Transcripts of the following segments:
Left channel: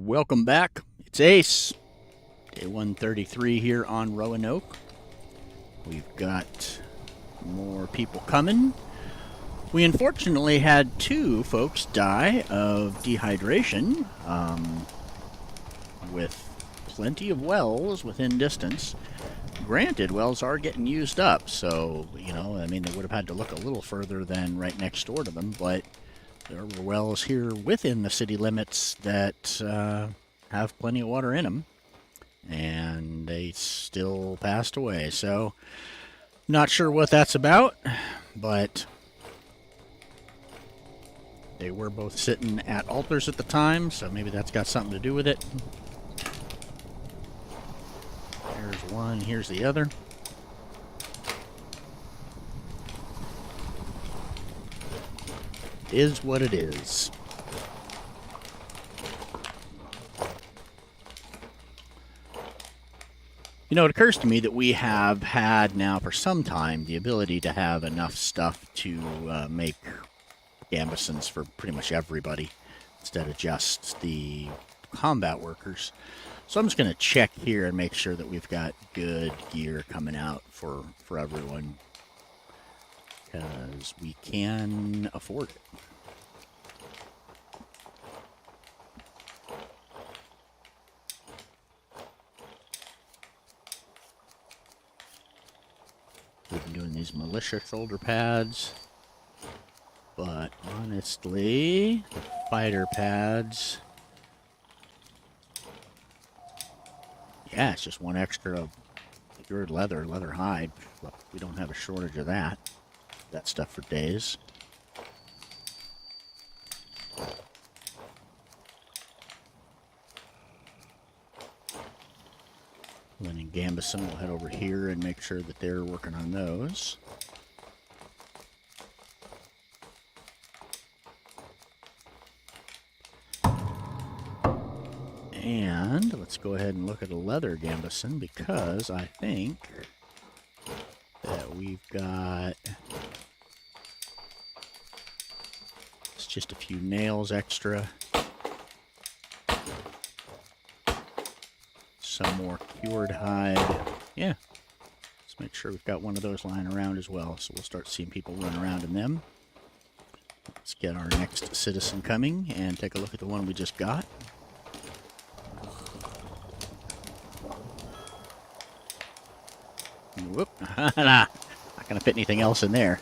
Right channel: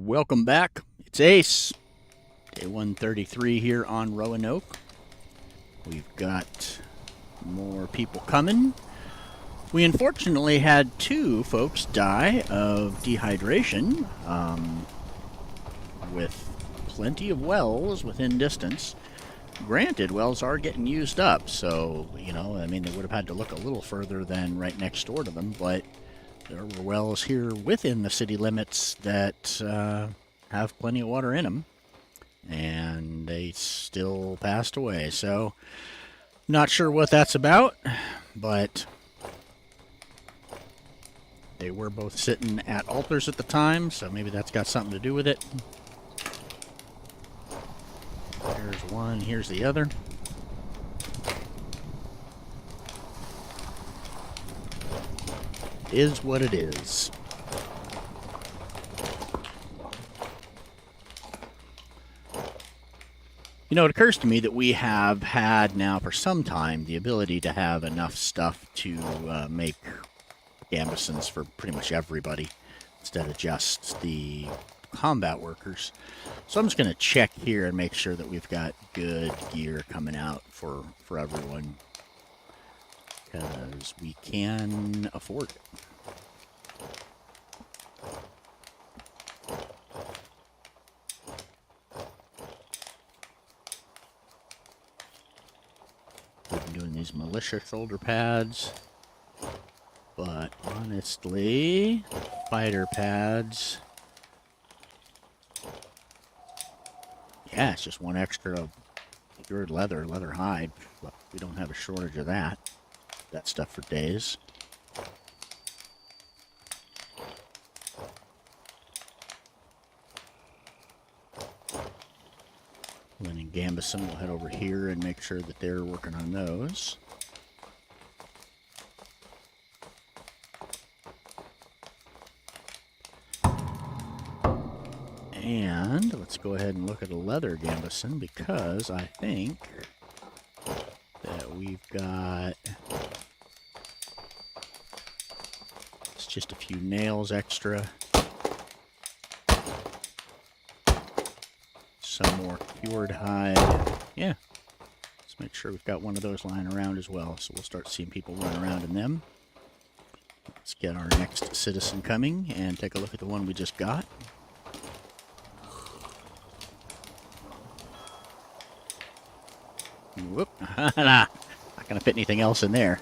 Welcome back. It's Ace. Day 133 here on Roanoke. We've got more people coming. We unfortunately had two folks die of dehydration, with plenty of wells within distance. Granted, wells are getting used up, so, I mean, they would have had to look a little further than right next door to them, but there were wells here within the city limits that have plenty of water in them, and they still passed away. So, not sure what that's about, but they were both sitting at altars at the time, so maybe that's got something to do with it. There's one, here's the other. It is what it is. It occurs to me that we have had now for some time the ability to have enough stuff to make gambesons for pretty much everybody instead of just the combat workers. So I'm just going to check here and make sure that we've got good gear coming out for everyone, because we can afford it. We've been doing these militia shoulder pads, but honestly, fighter pads, yeah, it's just one extra cured leather hide. We don't have a shortage of that. That stuff for days. Lynn and Gambeson will head over here and make sure that they're working on those. And let's go ahead and look at a leather gambeson, because I think that we've got, it's just a few nails extra. Some more cured hide. Yeah. Let's make sure we've got one of those lying around as well, so we'll start seeing people run around in them. Let's get our next citizen coming and take a look at the one we just got. Whoop. Not going to fit anything else in there.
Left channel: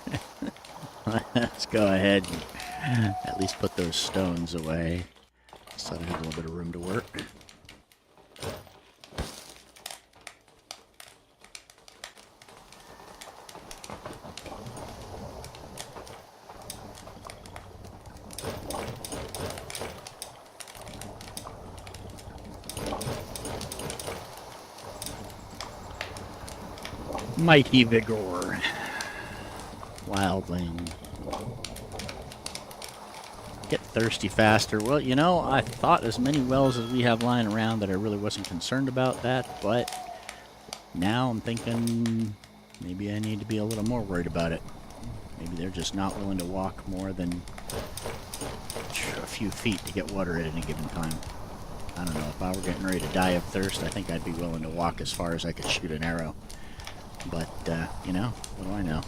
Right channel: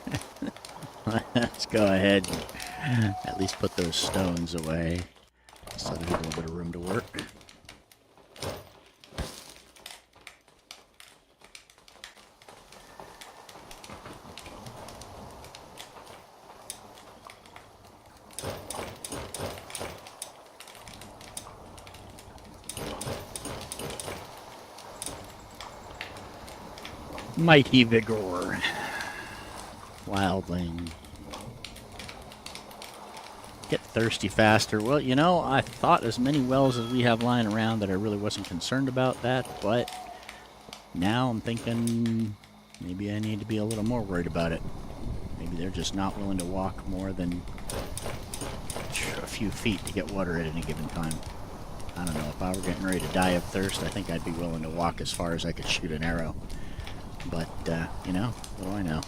Let's go ahead and at least put those stones away so I have a little bit of room to work. Mighty Vigor. Wildling. Get thirsty faster. Well, I thought as many wells as we have lying around that I really wasn't concerned about that, but now I'm thinking maybe I need to be a little more worried about it. Maybe they're just not willing to walk more than a few feet to get water at any given time. I don't know. If I were getting ready to die of thirst, I think I'd be willing to walk as far as I could shoot an arrow. But, what do I know?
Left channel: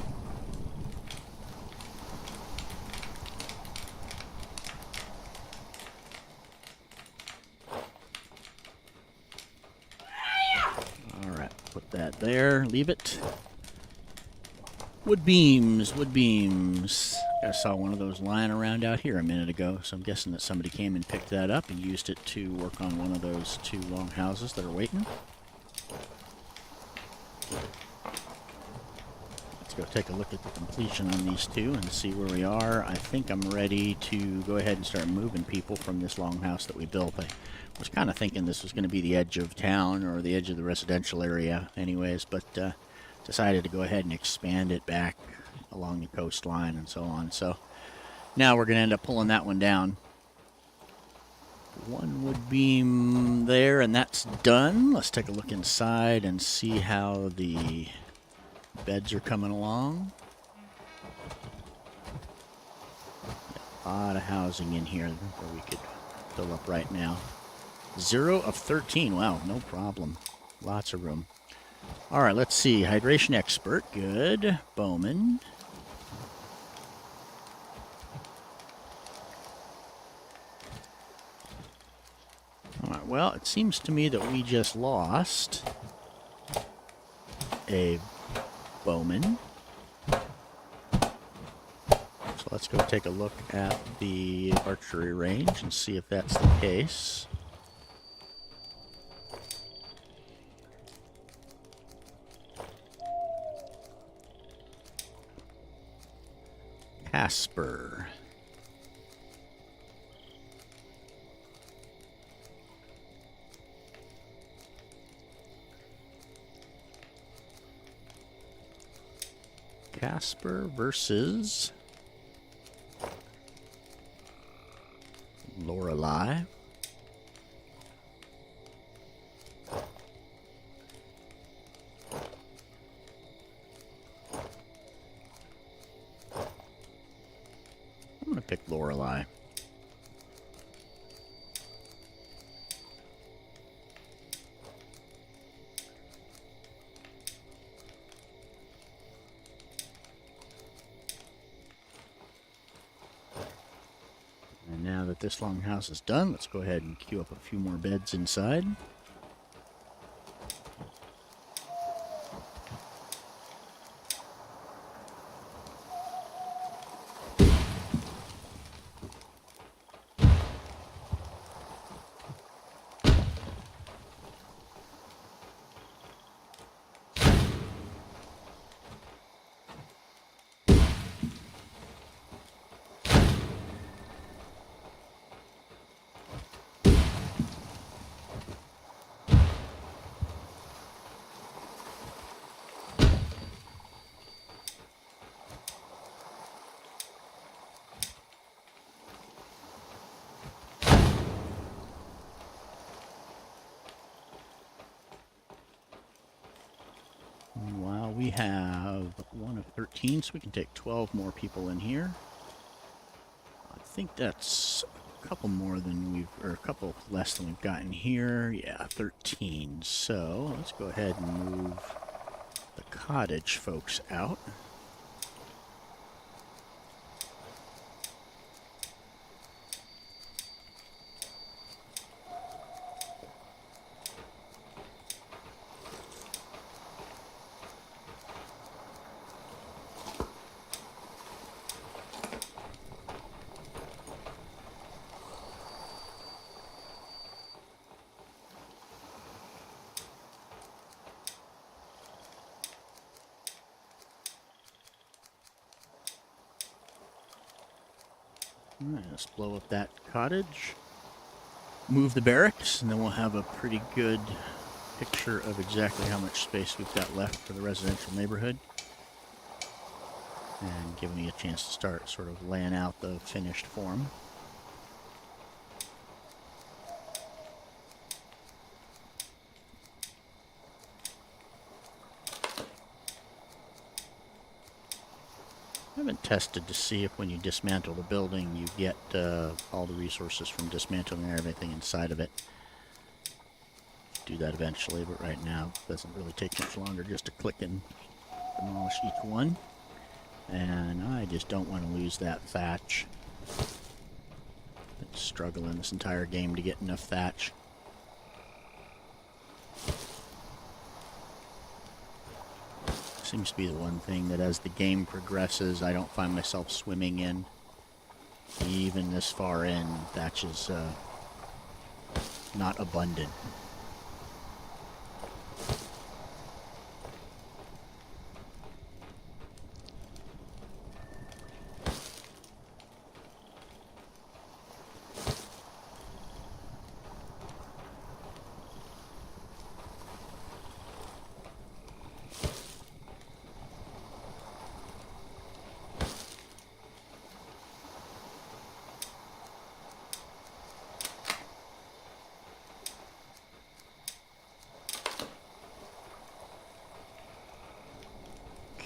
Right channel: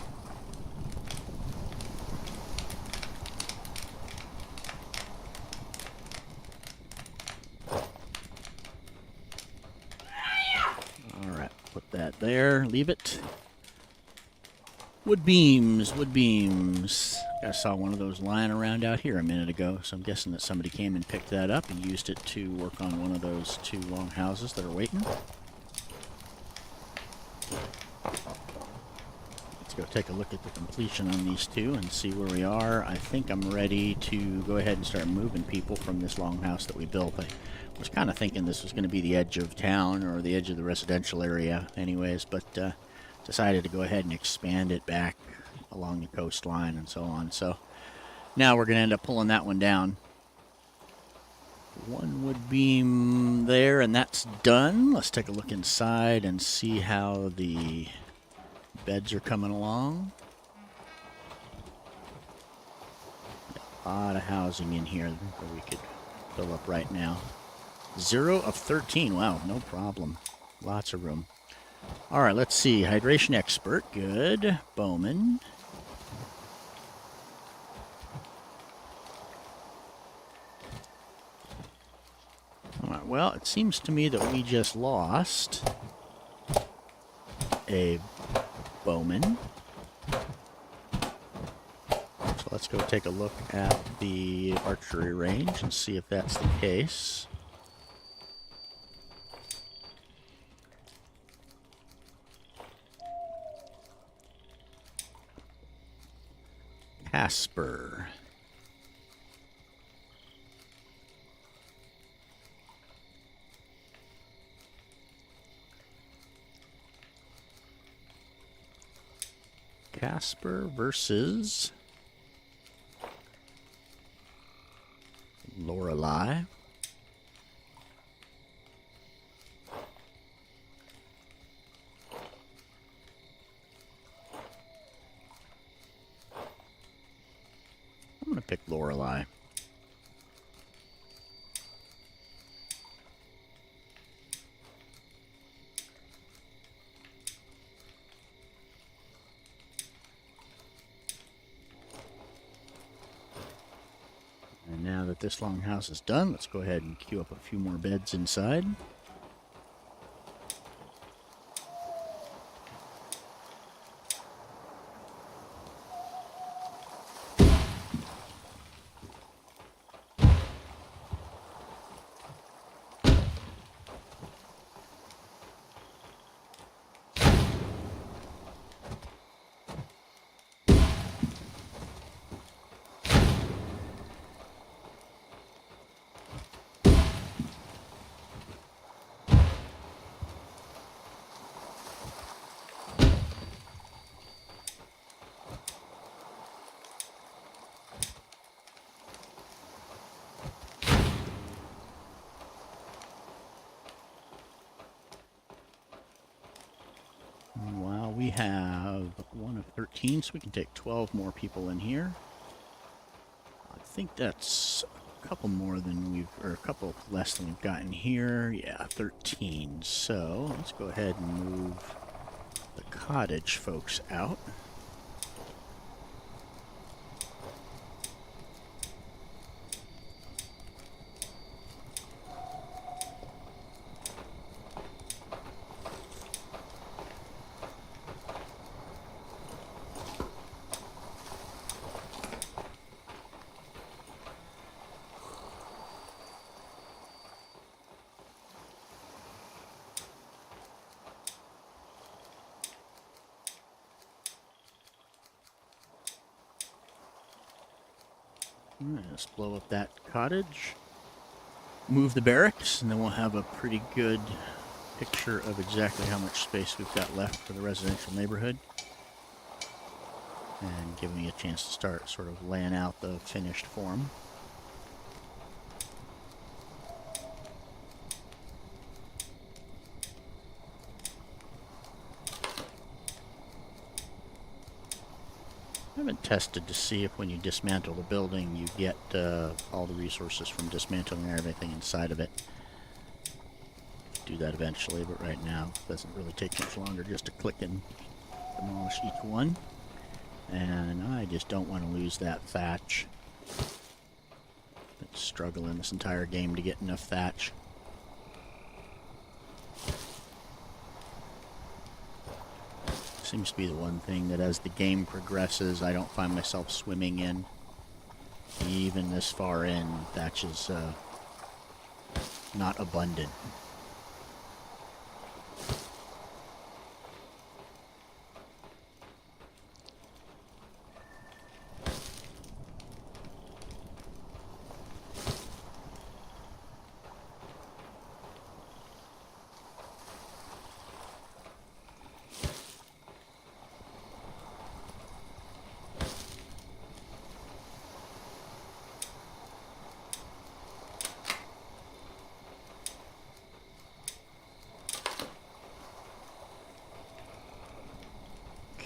Alright, put that there. Leave it. Wood beams, wood beams. I saw one of those lying around out here a minute ago, so I'm guessing that somebody came and picked that up and used it to work on one of those two longhouses that are waiting. Go take a look at the completion on these two and see where we are. I think I'm ready to go ahead and start moving people from this longhouse that we built. I was kind of thinking this was going to be the edge of town or the edge of the residential area anyways, but decided to go ahead and expand it back along the coastline and so on. So now we're going to end up pulling that one down. One wood beam there, and that's done. Let's take a look inside and see how the beds are coming along. Got a lot of housing in here that we could fill up right now. 0 of 13. Wow, no problem. Lots of room. All right, let's see. Hydration expert. Good. Bowman. All right, well, it seems to me that we just lost a bowman. So let's go take a look at the archery range and see if that's the case. Casper. Casper versus Lorelei. I'm going to pick Lorelei. And now that this longhouse is done, let's go ahead and queue up a few more beds inside. Meanwhile, we have 1 of 13, so we can take 12 more people in here. I think that's a couple more than we've, or a couple less than we've gotten here. Yeah, 13. So let's go ahead and move the cottage folks out. Alright, let's blow up that cottage. Move the barracks, and then we'll have a pretty good picture of exactly how much space we've got left for the residential neighborhood. And give me a chance to start sort of laying out the finished form. I haven't tested to see if when you dismantle the building you get all the resources from dismantling everything inside of it. Do that eventually, but right now it doesn't really take much longer just to click and demolish each one. And I just don't want to lose that thatch. Been struggling this entire game to get enough thatch. Seems to be the one thing that as the game progresses I don't find myself swimming in. Even this far in, thatch is not abundant.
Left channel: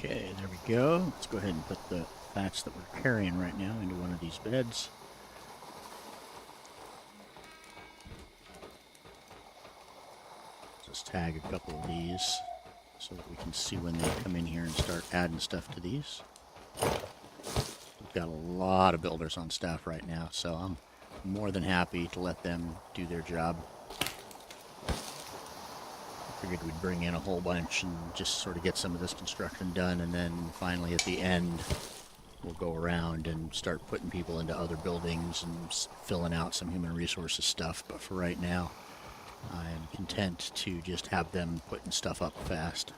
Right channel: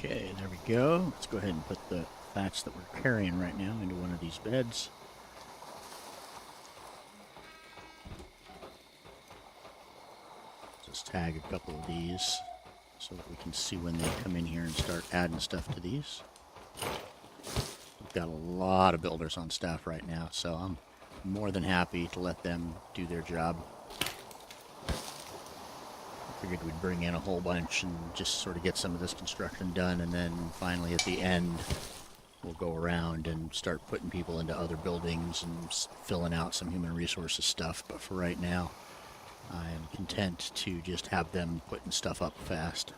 Okay, there we go. Let's go ahead and put the thatch that we're carrying right now into one of these beds. just tag a couple of these so that we can see when they come in here and start adding stuff to these. We've got a lot of builders on staff right now, so I'm more than happy to let them do their job. I figured we'd bring in a whole bunch and just sort of get some of this construction done, and then finally at the end we'll go around and start putting people into other buildings and filling out some human resources stuff. But for right now, I am content to just have them putting stuff up fast.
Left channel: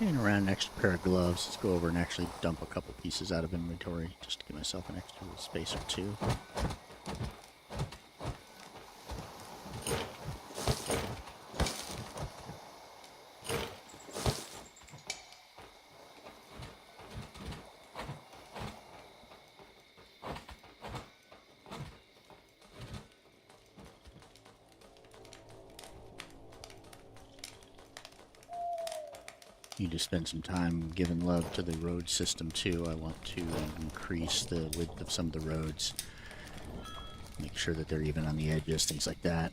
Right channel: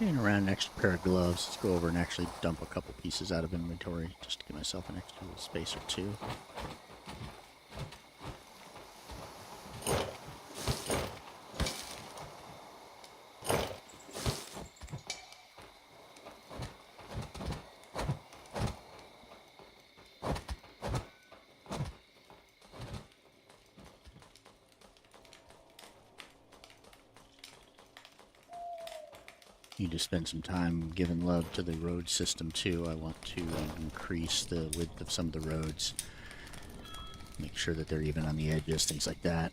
And around an extra pair of gloves. Let's go over and actually dump a couple pieces out of inventory just to give myself an extra space or two. Need to spend some time giving love to the road system too. I want to increase the width of some of the roads, make sure that they're even on the edges, things like that.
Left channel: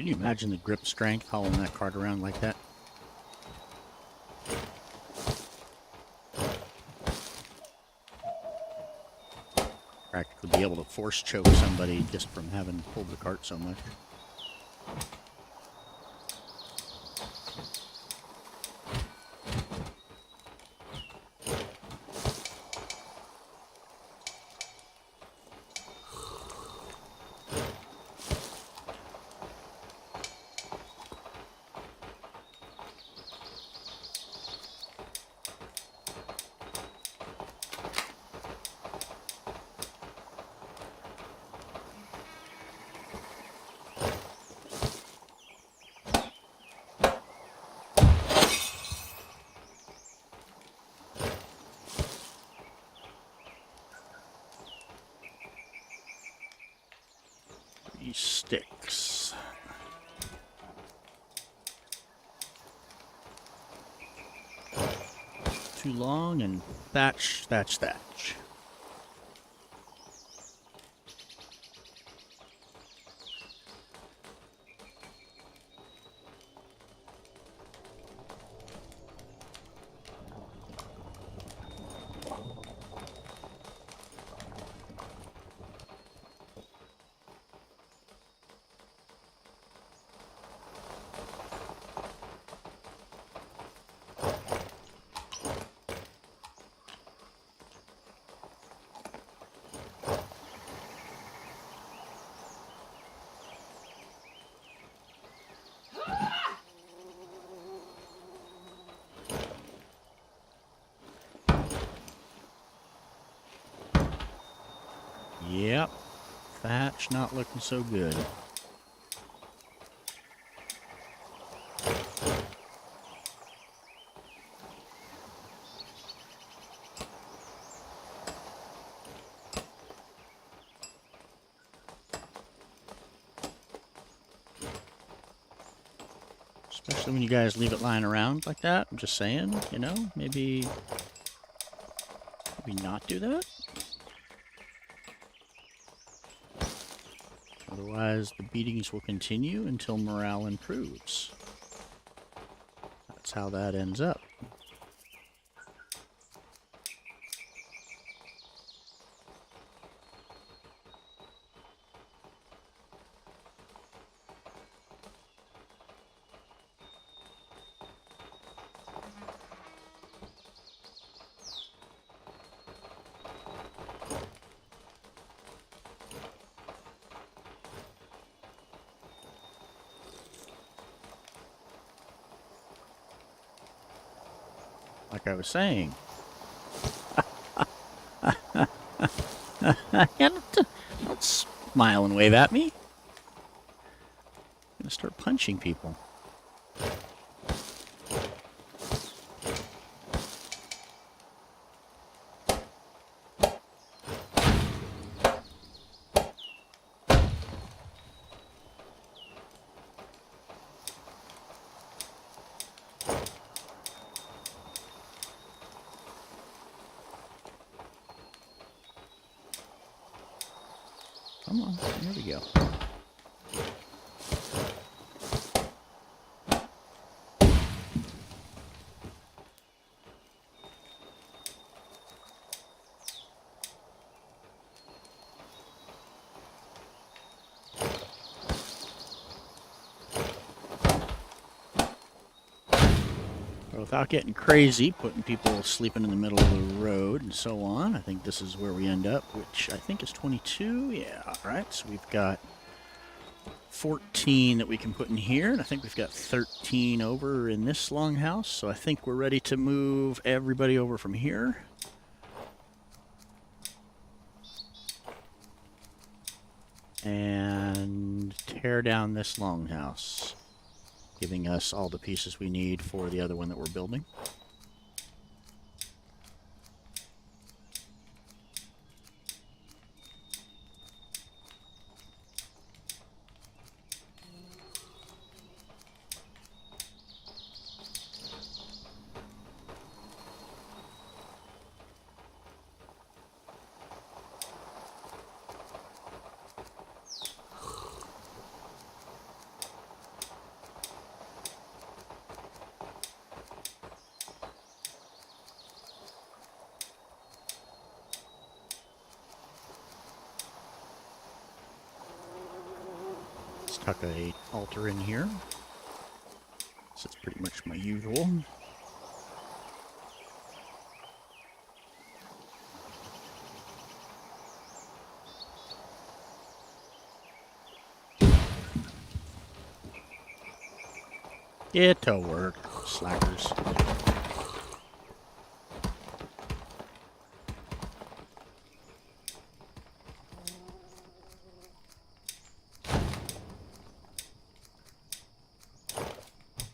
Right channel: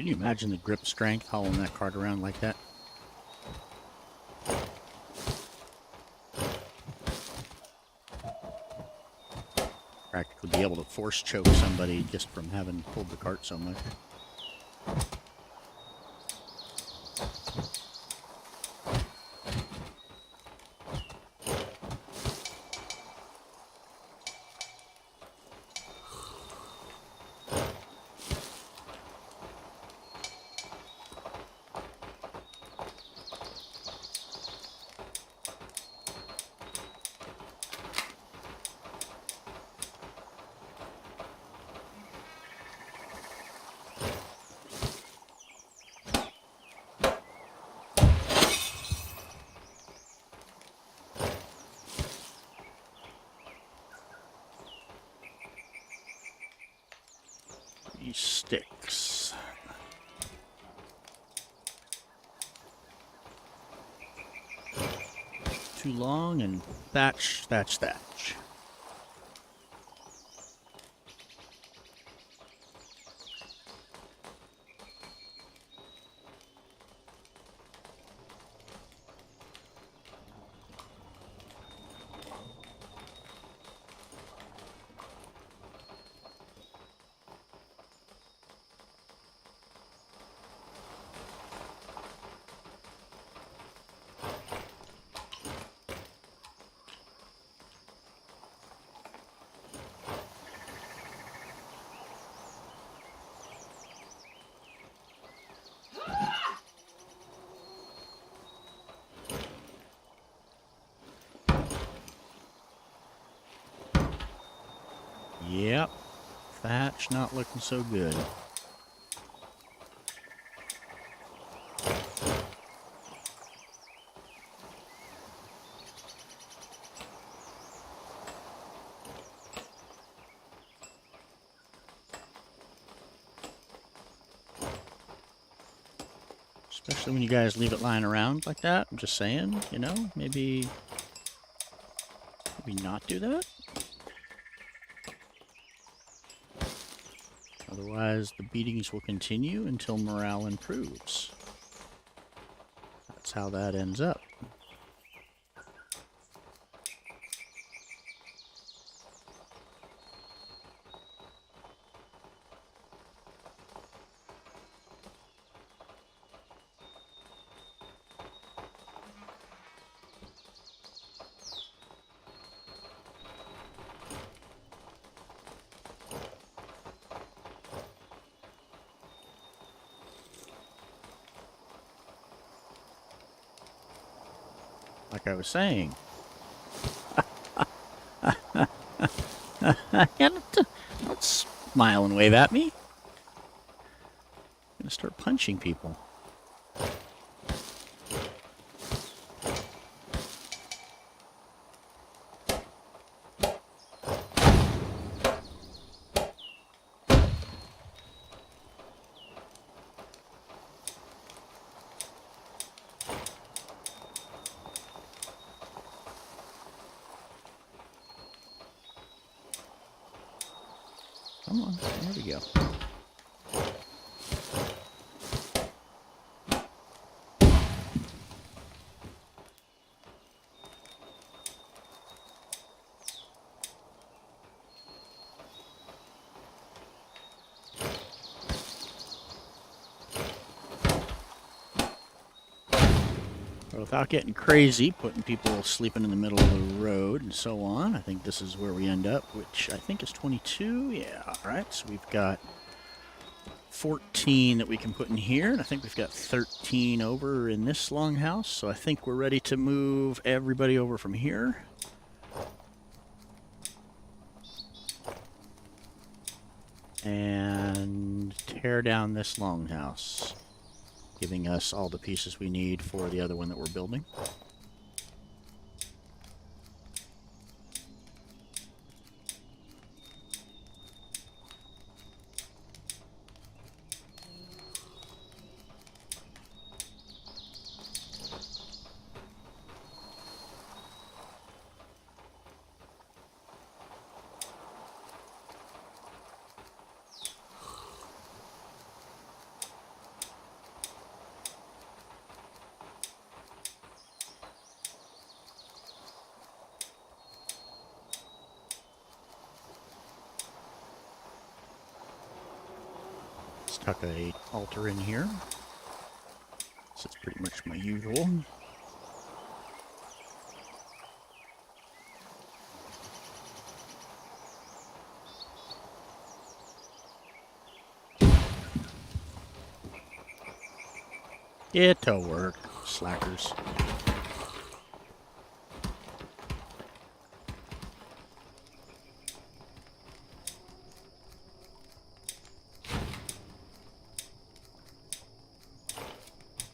Can you imagine the grip strength hauling that cart around like that? Practically be able to force choke somebody just from having pulled the cart so much. Sticks. Too long and thatch, thatch, thatch. Yep, thatch not looking so good. Especially when you guys leave it lying around like that. I'm just saying, you know, maybe not do that. Otherwise, the beatings will continue until morale improves. That's how that ends up. Like I was saying. Don't smile and wave at me. I'm gonna start punching people. Come on, there we go. Without getting crazy, putting people sleeping in the middle of the road and so on, I think this is where we end up, which I think is 22. Yeah, all right. So we've got 14 that we can put in here, and I think we've got 13 over in this longhouse. So I think we're ready to move everybody over from here. And tear down this longhouse, giving us all the pieces we need for the other one that we're building. tuck a altar in here. So it's pretty much my usual. It'll work, slackers.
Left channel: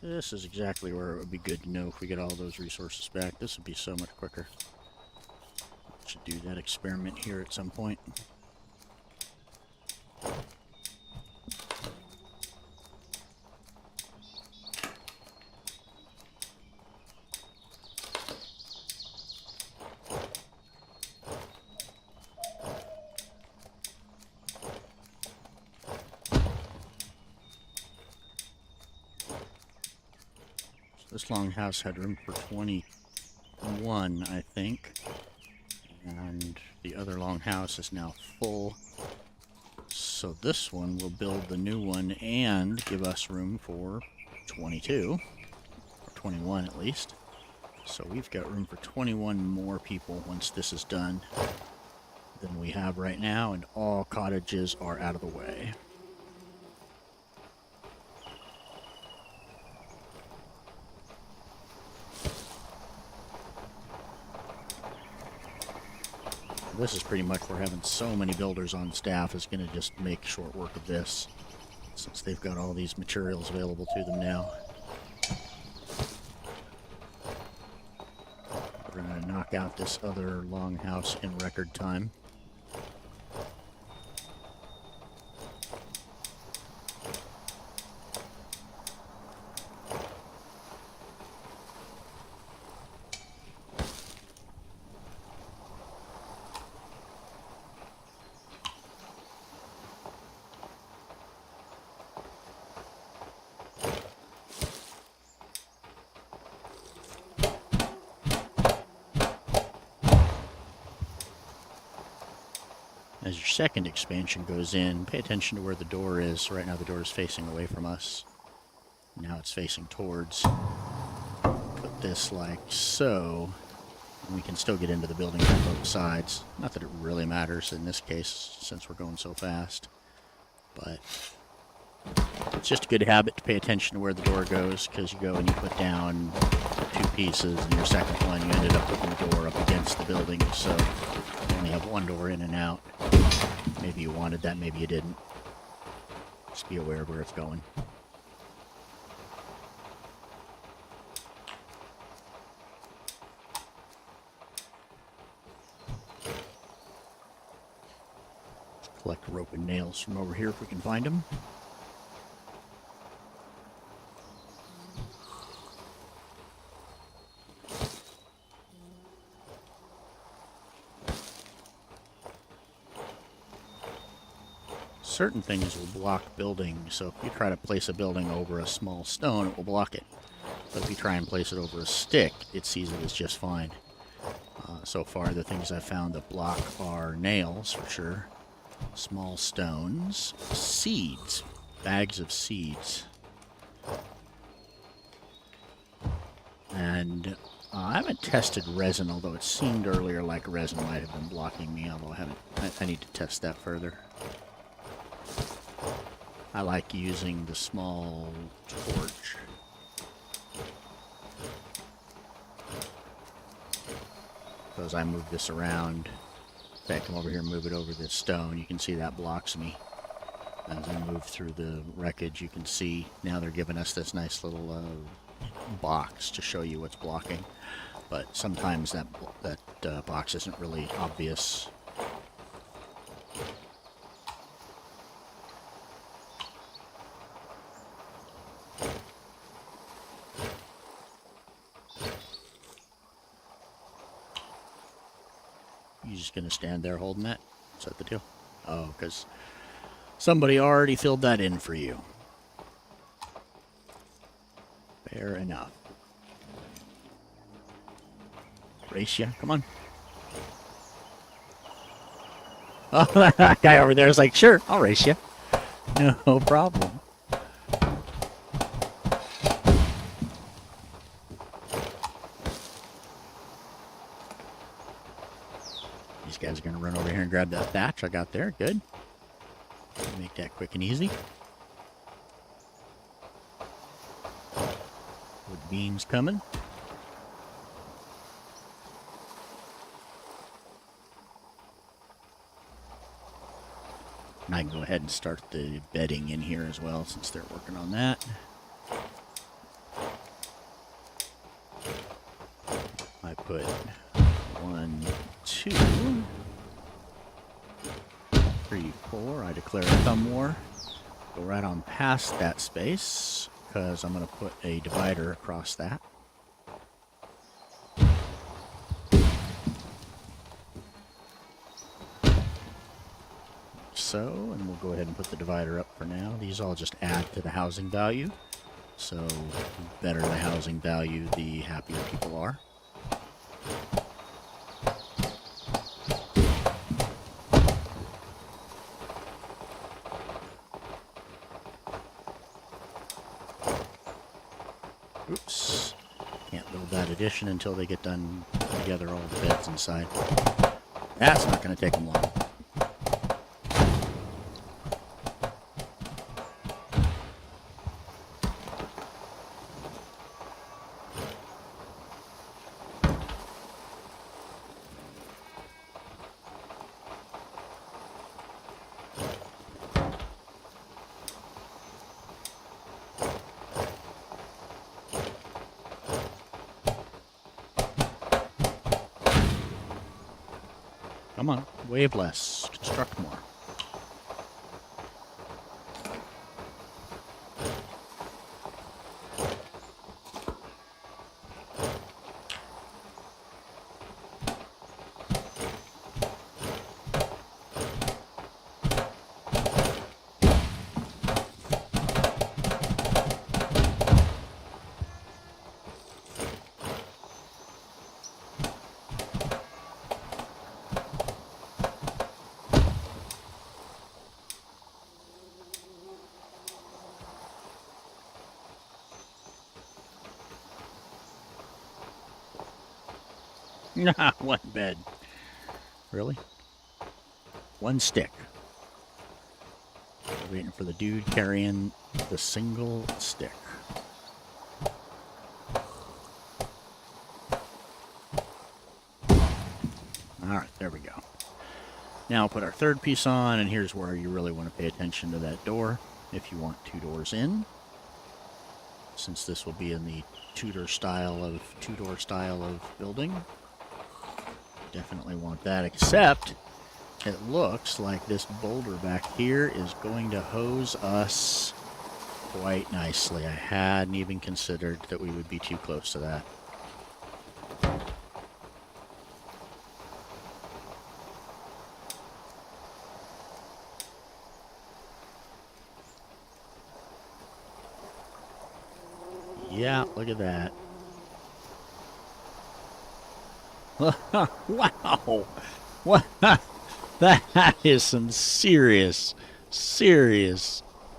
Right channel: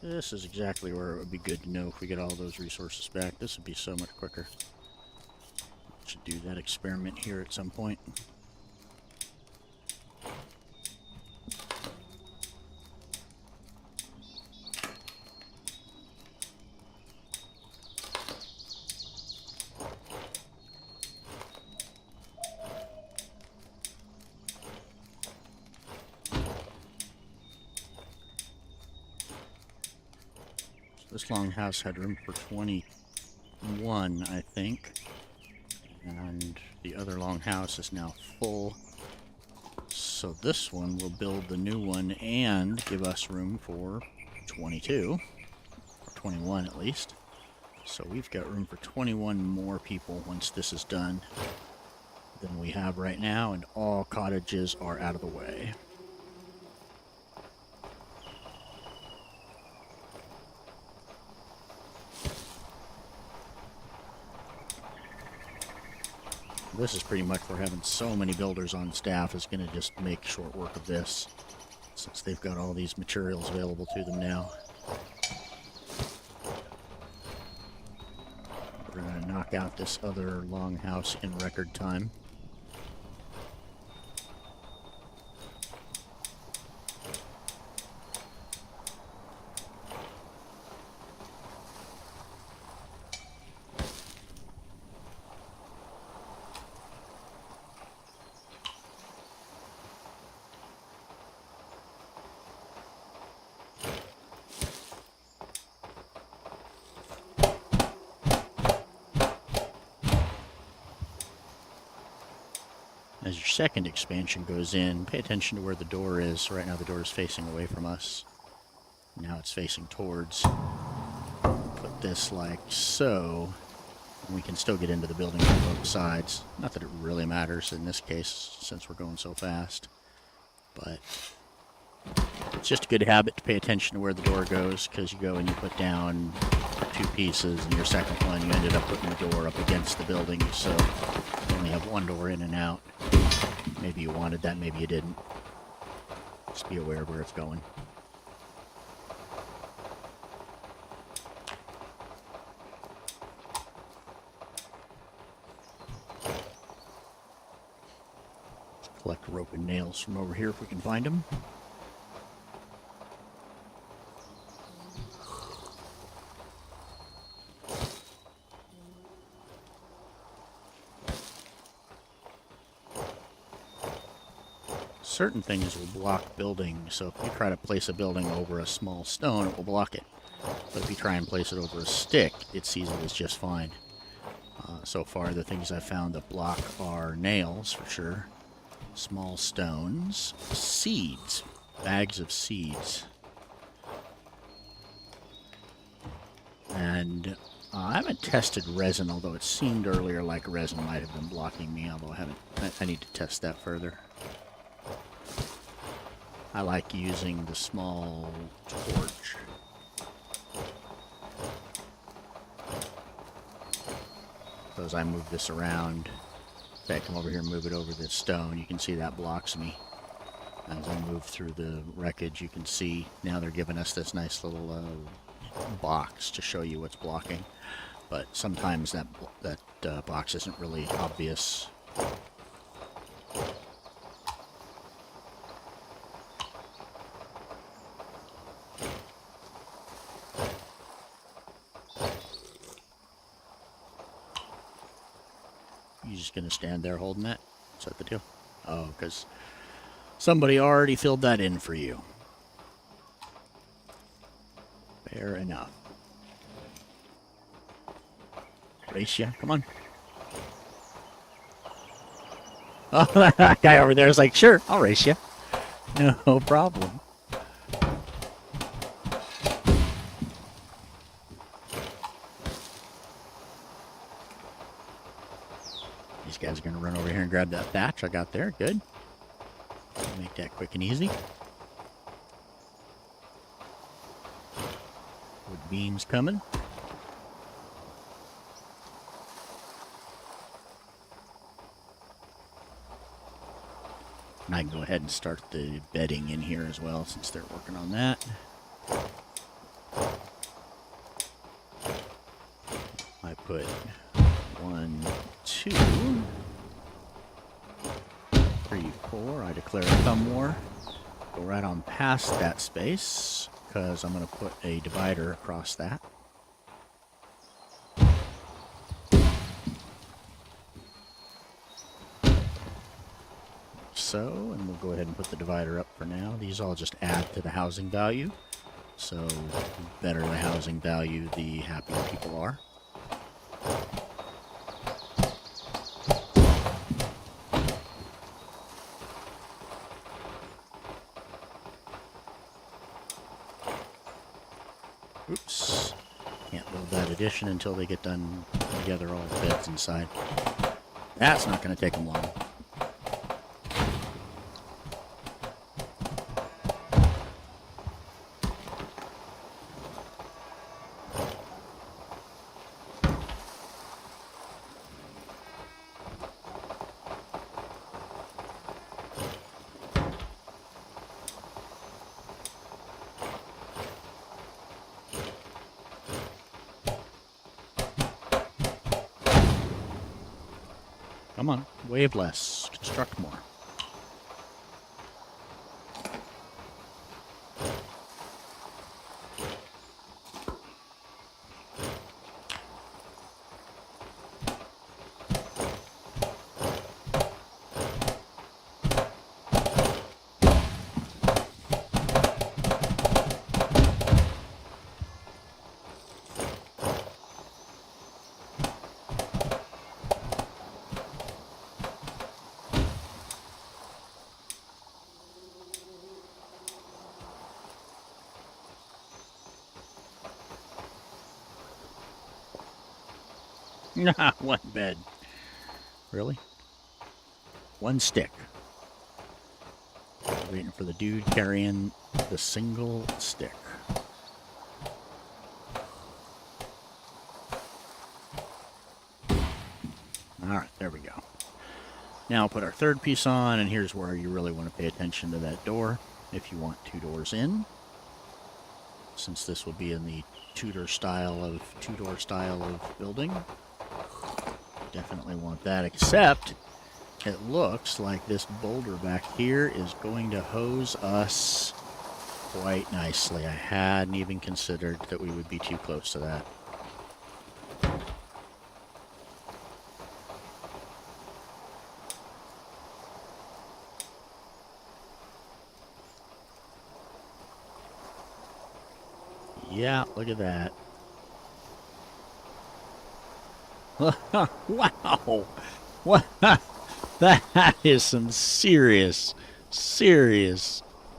This is exactly where it would be good to know if we get all those resources back. This would be so much quicker. Should do that experiment here at some point. This longhouse had room for 21, I think. And the other longhouse is now full. So this one will build the new one and give us room for 22. Or 21 at least. So we've got room for 21 more people once this is done than we have right now, and all cottages are out of the way. This is pretty much where having so many builders on staff is going to just make short work of this, since they've got all these materials available to them now. We're going to knock out this other longhouse in record time. As your second expansion goes in, pay attention to where the door is. Right now the door is facing away from us. Now it's facing towards. I'll put this like so, and we can still get into the building from both sides. Not that it really matters in this case, since we're going so fast. But it's just a good habit to pay attention to where the door goes, because you go and you put down 2 pieces, and your second one you ended up putting the door up against the building, so you only have one door in and out. Maybe you wanted that, maybe you didn't. Just be aware of where it's going. Collect rope and nails from over here if we can find them. Certain things will block building, so if you try to place a building over a small stone, it will block it. But if you try and place it over a stick, it sees it as just fine. So far, the things I've found that block are nails, for sure, small stones, seeds, bags of seeds. And I haven't tested resin, although it seemed earlier like resin might have been blocking me, although I need to test that further. I like using the small torch. So as I move this around, if I come over here and move it over this stone, you can see that blocks me. As I move through the wreckage, you can see now they're giving us this nice little box to show you what's blocking. But sometimes that box isn't really obvious. You just gonna stand there holding that? Is that the deal? Oh, because somebody already filled that in for you. Fair enough. Race ya? Come on. Oh, that guy over there is like, sure, I'll race you. No problem. These guys are going to run over here and grab that thatch I got there. Good. Make that quick and easy. Wood beams coming. And I can go ahead and start the bedding in here as well since they're working on that. I put 1, 2, 3, 4. I declare a thumb war. Go right on past that space because I'm going to put a divider across that. So, and we'll go ahead and put the divider up for now. These all just add to the housing value. So, the better the housing value, the happier people are. Oops. Can't build that addition until they get done together all the beds inside. That's not going to take them long. Come on, wave less, construct more. Nah, one bed. Really? One stick. We're waiting for the dude carrying the single stick. Alright, there we go. Now I'll put our third piece on, and here's where you really want to pay attention to that door if you want 2 doors in. Since this will be in the two-door style of building. Definitely want that, except it looks like this boulder back here is going to hose us quite nicely. I hadn't even considered that we would be too close to that. Yeah, look at that. Wow! What? That is some serious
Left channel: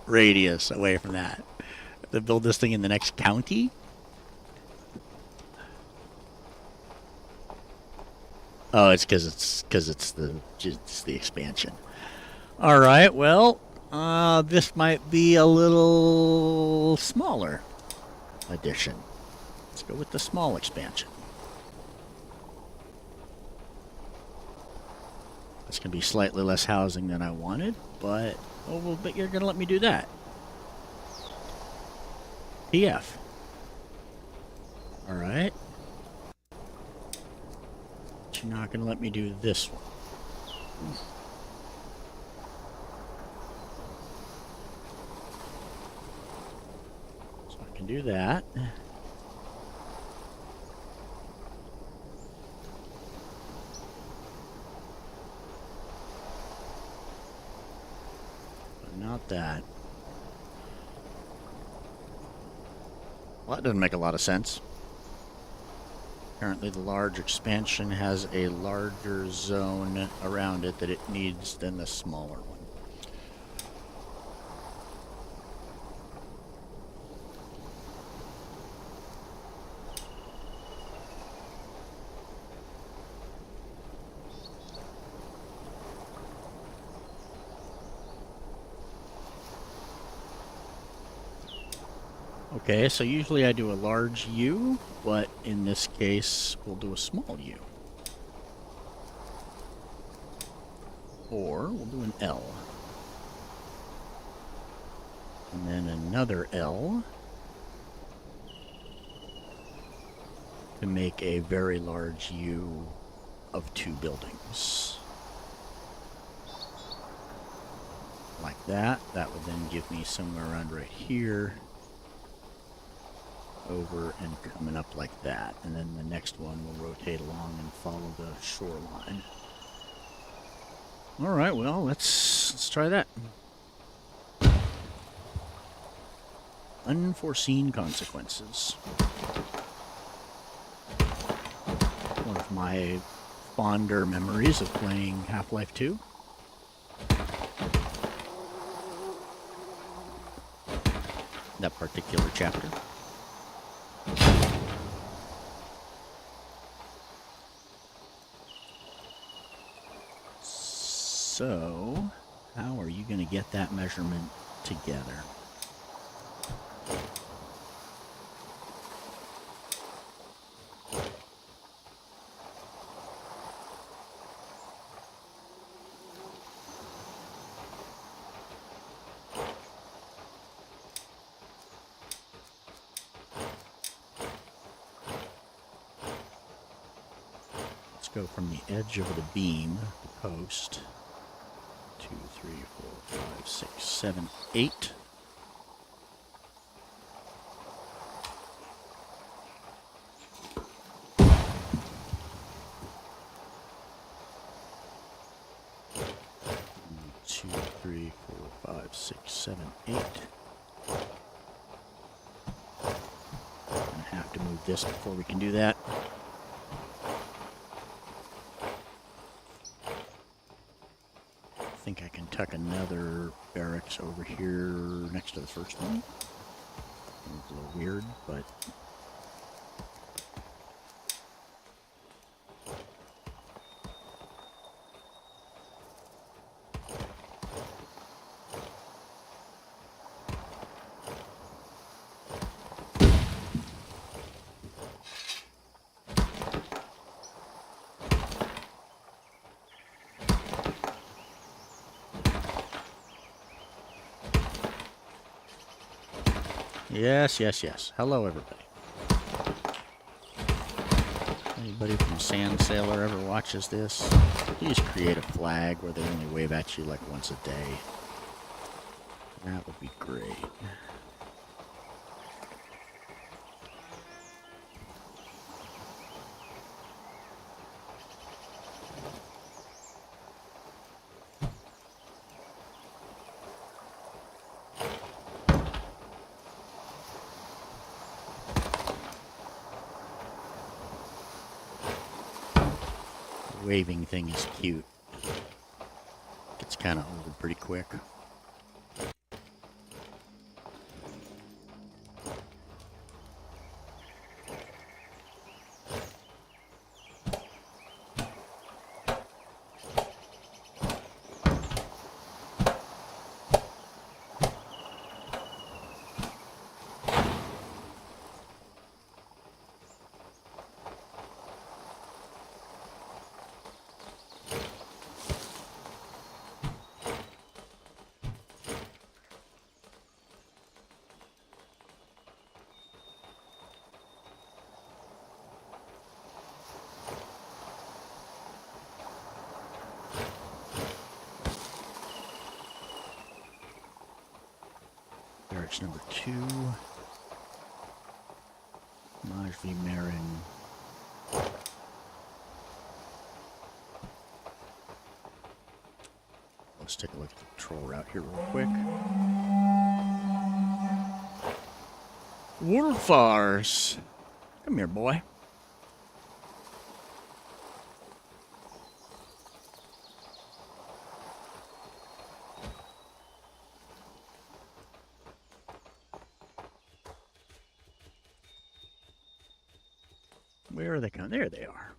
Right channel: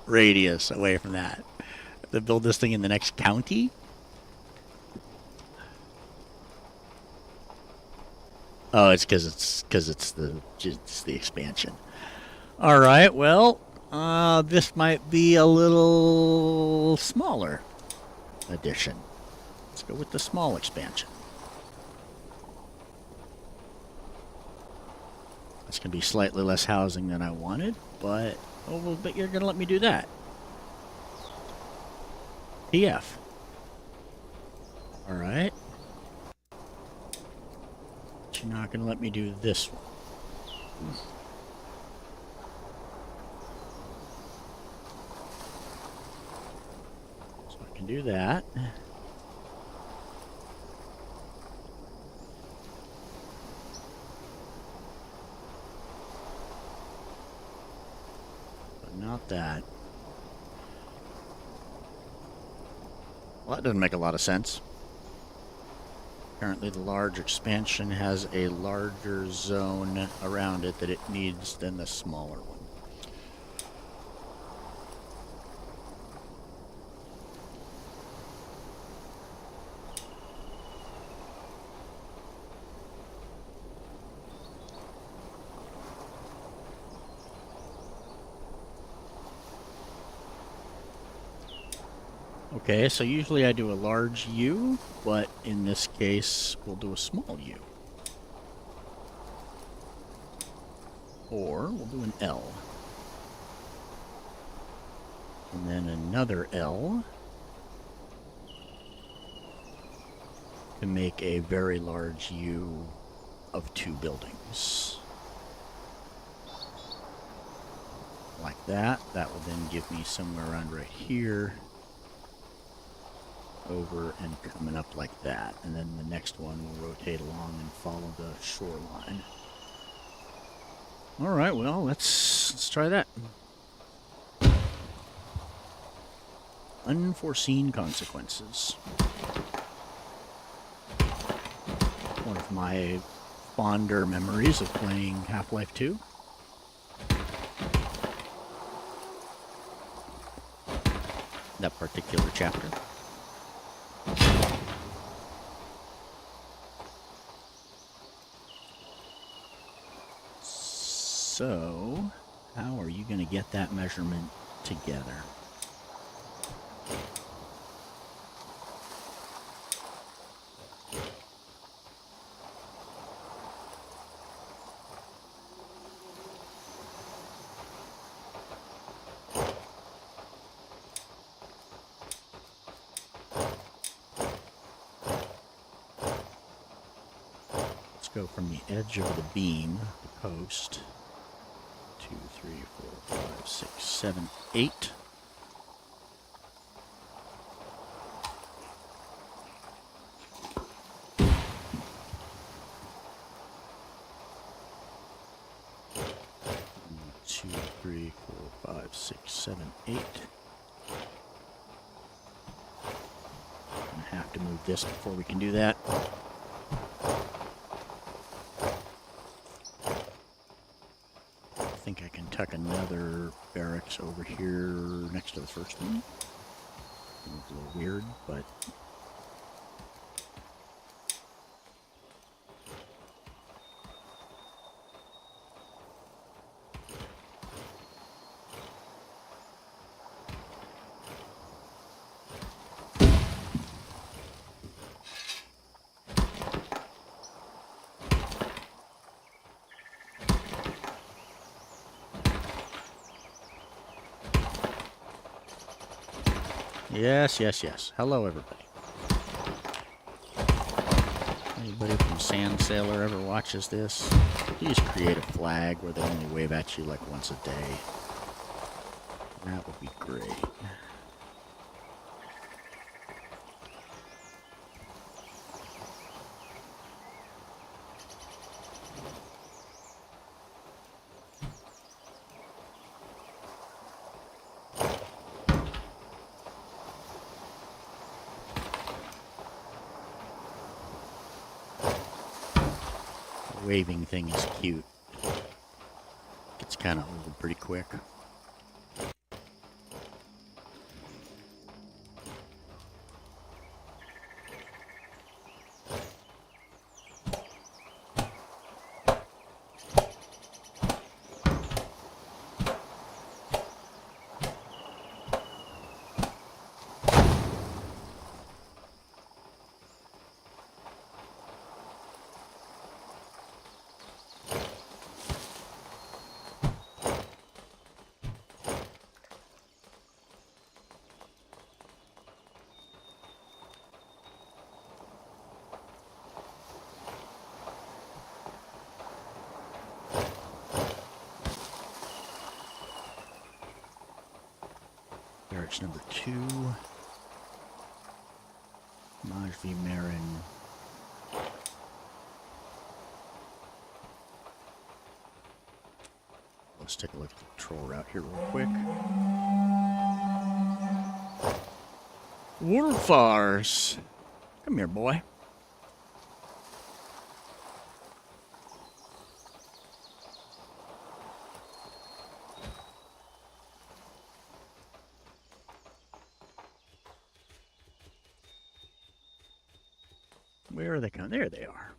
radius away from that. To build this thing in the next county? Oh, it's because it's the expansion. All right. Well, this might be a little smaller addition. Let's go with the small expansion. That's going to be slightly less housing than I wanted, but oh well, but you're going to let me do that. TF. All right. But you're not going to let me do this one. So I can do that. Not that. Well, that doesn't make a lot of sense. Apparently the large expansion has a larger zone around it that it needs than the smaller one. Okay, so usually I do a large U, but in this case, we'll do a small U. Or we'll do an L. And then another L to make a very large U of 2 buildings. Like that. That would then give me somewhere around right here, over and coming up like that. And then the next one will rotate along and follow the shoreline. All right, well, let's try that. Unforeseen consequences. One of my fonder memories of playing Half-Life 2. That particular chapter. So, how are you going to get that measurement together? Let's go from the edge of the beam, the post. 2, 3, 4, 5, 6, 7, 8. Two, 3, 4, 5, 6, 7, 8. Gonna have to move this before we can do that. I think I can tuck another barracks over here next to the first one. It looks a little weird, but yes, yes, yes. Hello, everybody. Anybody from Sand Sailor ever watches this? Please create a flag where they only wave at you like once a day. That would be great. Waving thing is cute. Gets kind of old pretty quick. Barracks number 2. Maj V. Marin. Let's take a look at the patrol route here real quick. Wolfars! Come here, boy. Where are they coming? There they are.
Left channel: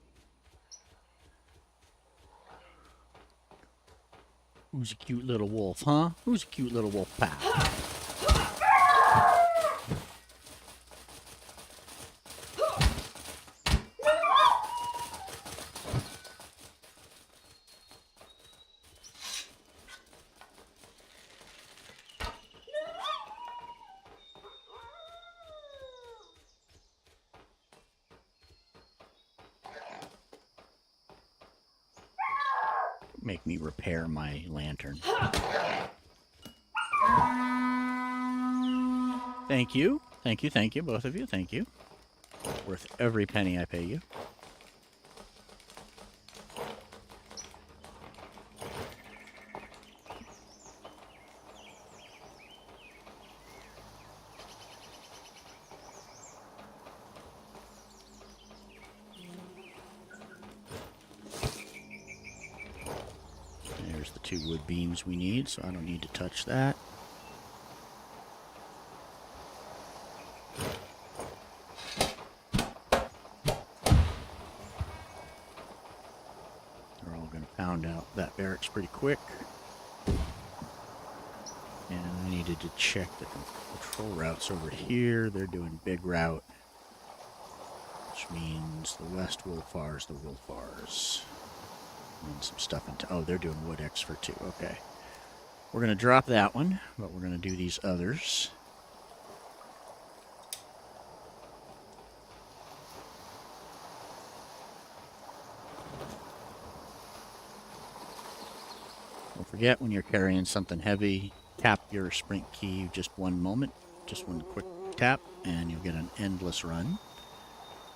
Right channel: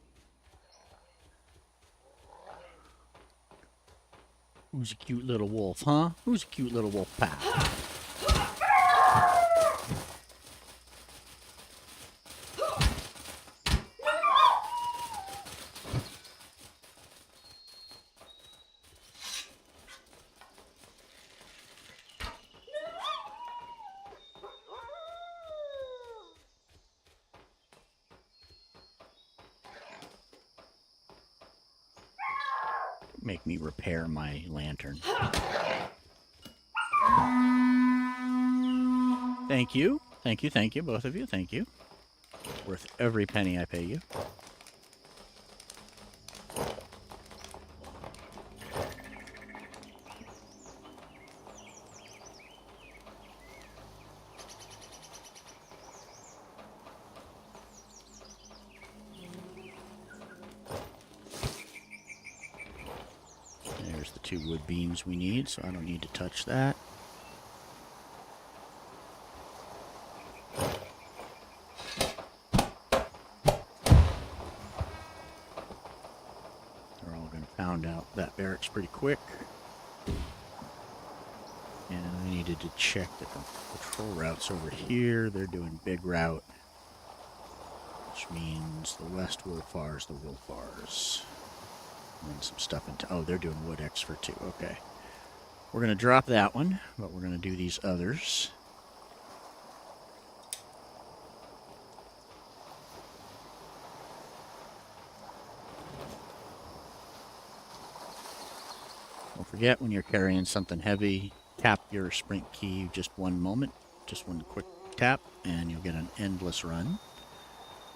Who's a cute little wolf, huh? Who's a cute little wolf pal? make me repair my lantern. Thank you. Thank you, thank you, both of you. Thank you. Worth every penny I pay you. There's the 2 wood beams we need, so I don't need to touch that. They're all going to pound out that barracks pretty quick. And I needed to check the patrol routes over here. They're doing big route, which means the west Wolfars, the Wolfars. And then some stuff into... Oh, they're doing wood X for 2. Okay. We're going to drop that one, but we're going to do these others. Don't forget, when you're carrying something heavy, tap your sprint key just one moment. Just one quick tap, and you'll get an endless run.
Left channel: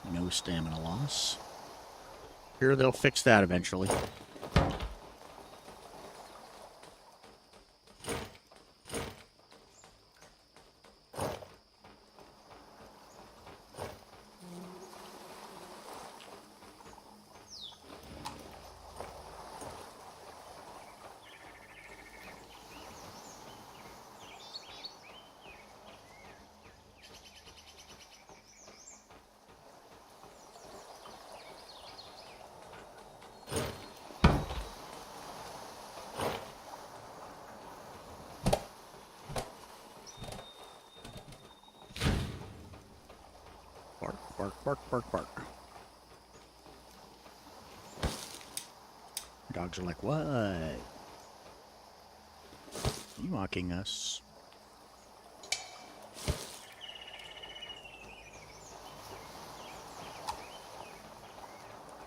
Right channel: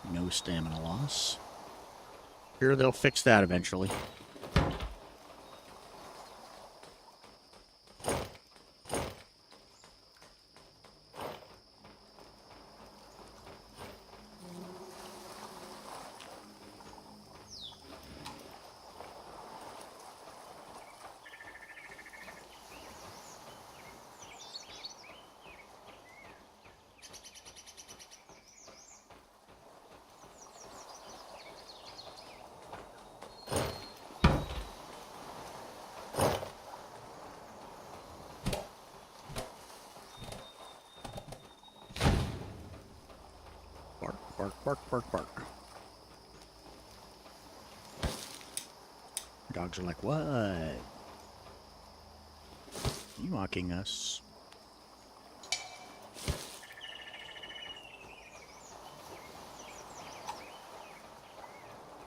No stamina loss. Here, they'll fix that eventually. Bark, bark, bark, bark, bark. Dogs are like, what? Are you mocking us?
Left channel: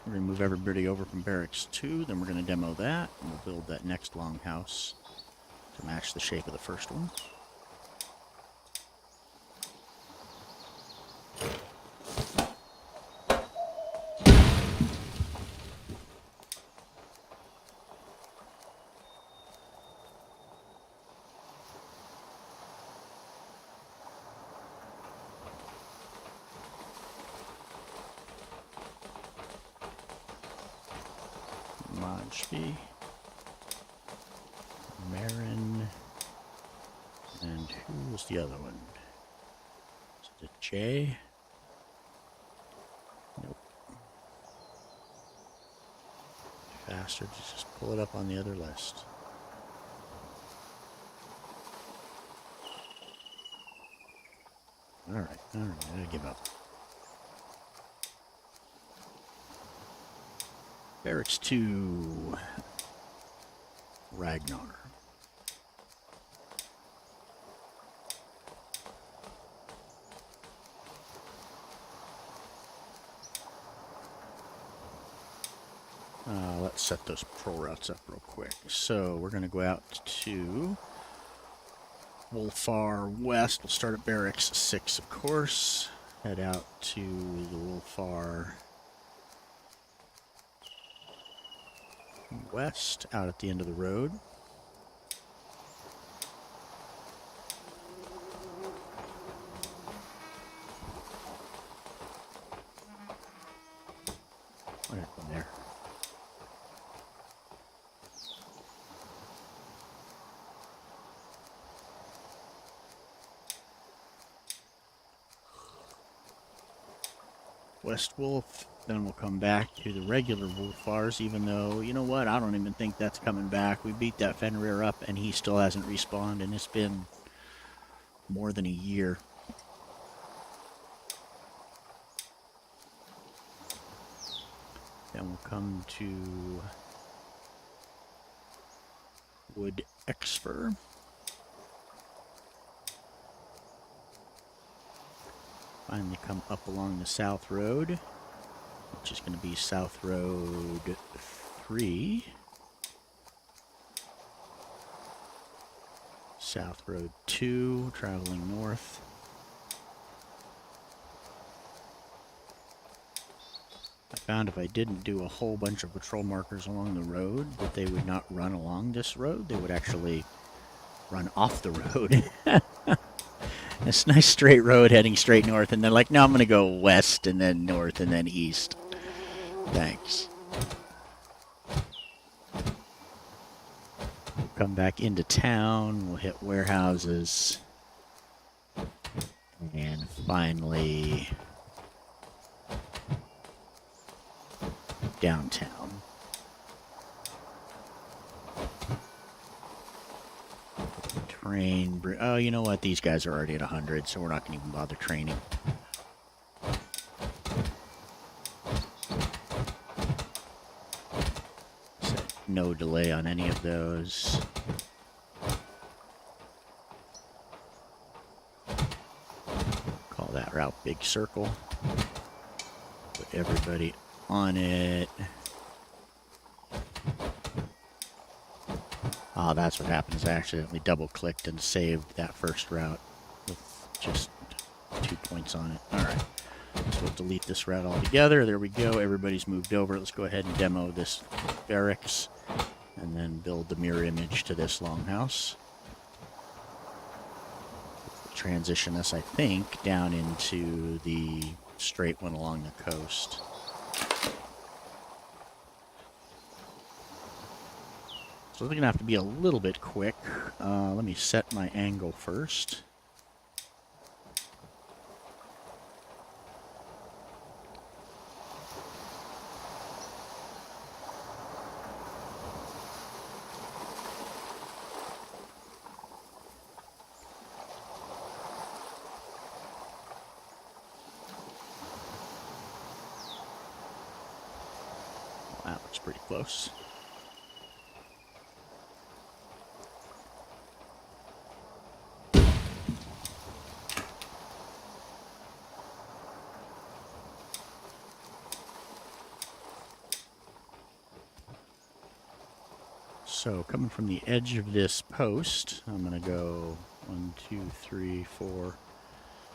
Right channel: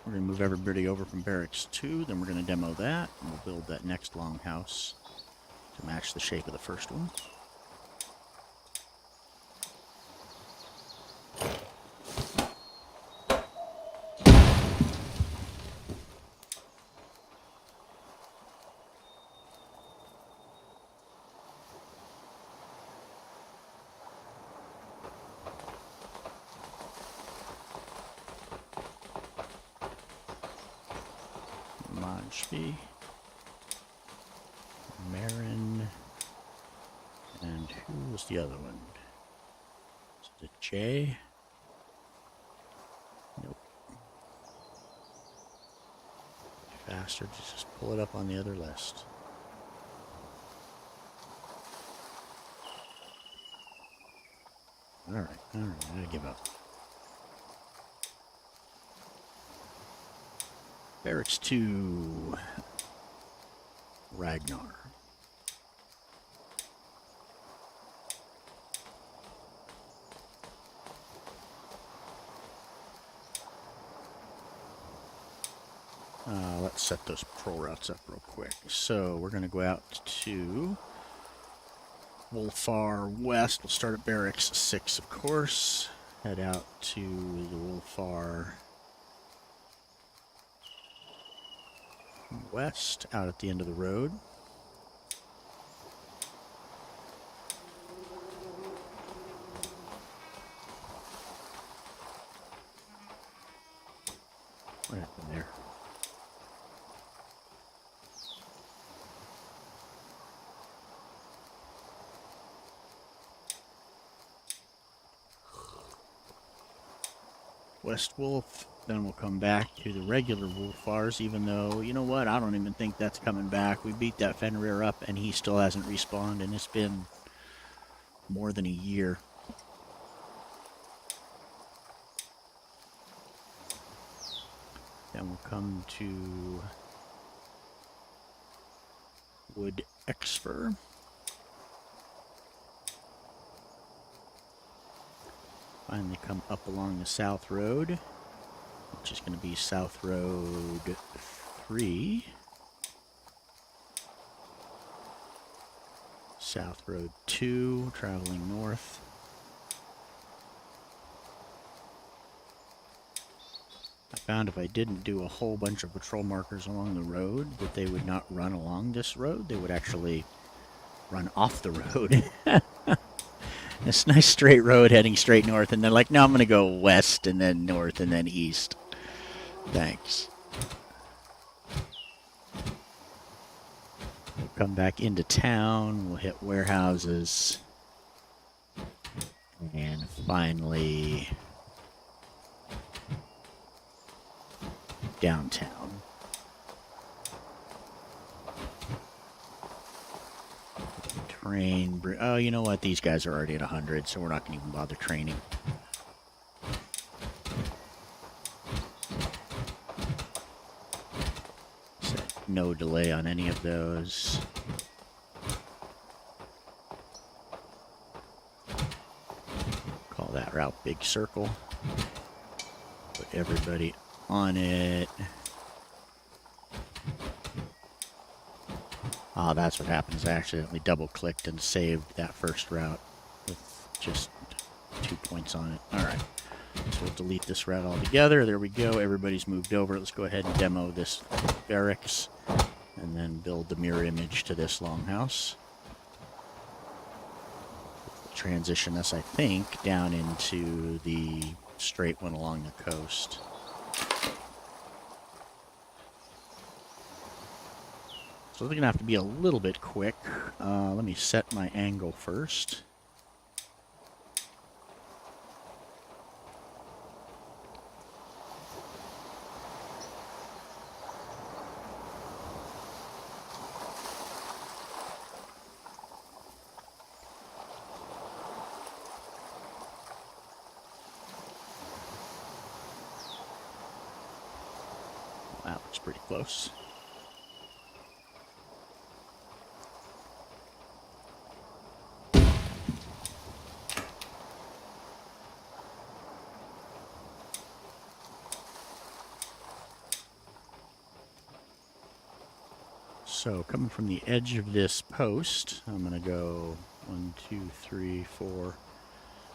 We're going to move everybody over from Barracks 2, then we're going to demo that, and we'll build that next longhouse to match the shape of the first one. Majby, Marin, and who was the other one? Is it J? Nope. Faster to just pull it up on the other list. Alright, I give up. Barracks 2, Ragnar. Let's set those patrol routes up real quick. So we're going to go out to Wolfar West. We'll start at Barracks 6, of course. Head out to the Wolfar West, out at the end of the road. What happened there? West Wolf, then we'll come back to the regular Wolfars, even though, you know what, I don't even think that's coming back. We beat that Fenrir up and he still hasn't respawned, and it's been more than a year. Then we'll come to Wood Exfer. Finally come up along the South Road, which is going to be South Road 3. South Road 2, traveling north. I found if I didn't do a whole bunch of patrol markers along the road, that they would not run along this road. They would actually run off the road. This nice straight road heading straight north, and they're like, no, I'm going to go west and then north and then east. Thanks. We'll come back into town. We'll hit warehouses. And finally, downtown. Train. Oh, you know what? These guys are already at 100, so we're not going to even bother training. Set no delay on any of those. Call that route Big Circle. Put everybody on it. Ah, that's what happens. I accidentally double-clicked and saved that first route with just 2 points on it. Alright, so we'll delete this route altogether. There we go. Everybody's moved over. Let's go ahead and demo this barracks and then build the mirror image to this longhouse. We'll transition us, I think, down into the straight one along the coast. So they're going to have to be a little bit quick. Let me set my angle first. Well, that looks pretty close. So coming from the edge of this post, I'm going to go 1, 2, 3, 4,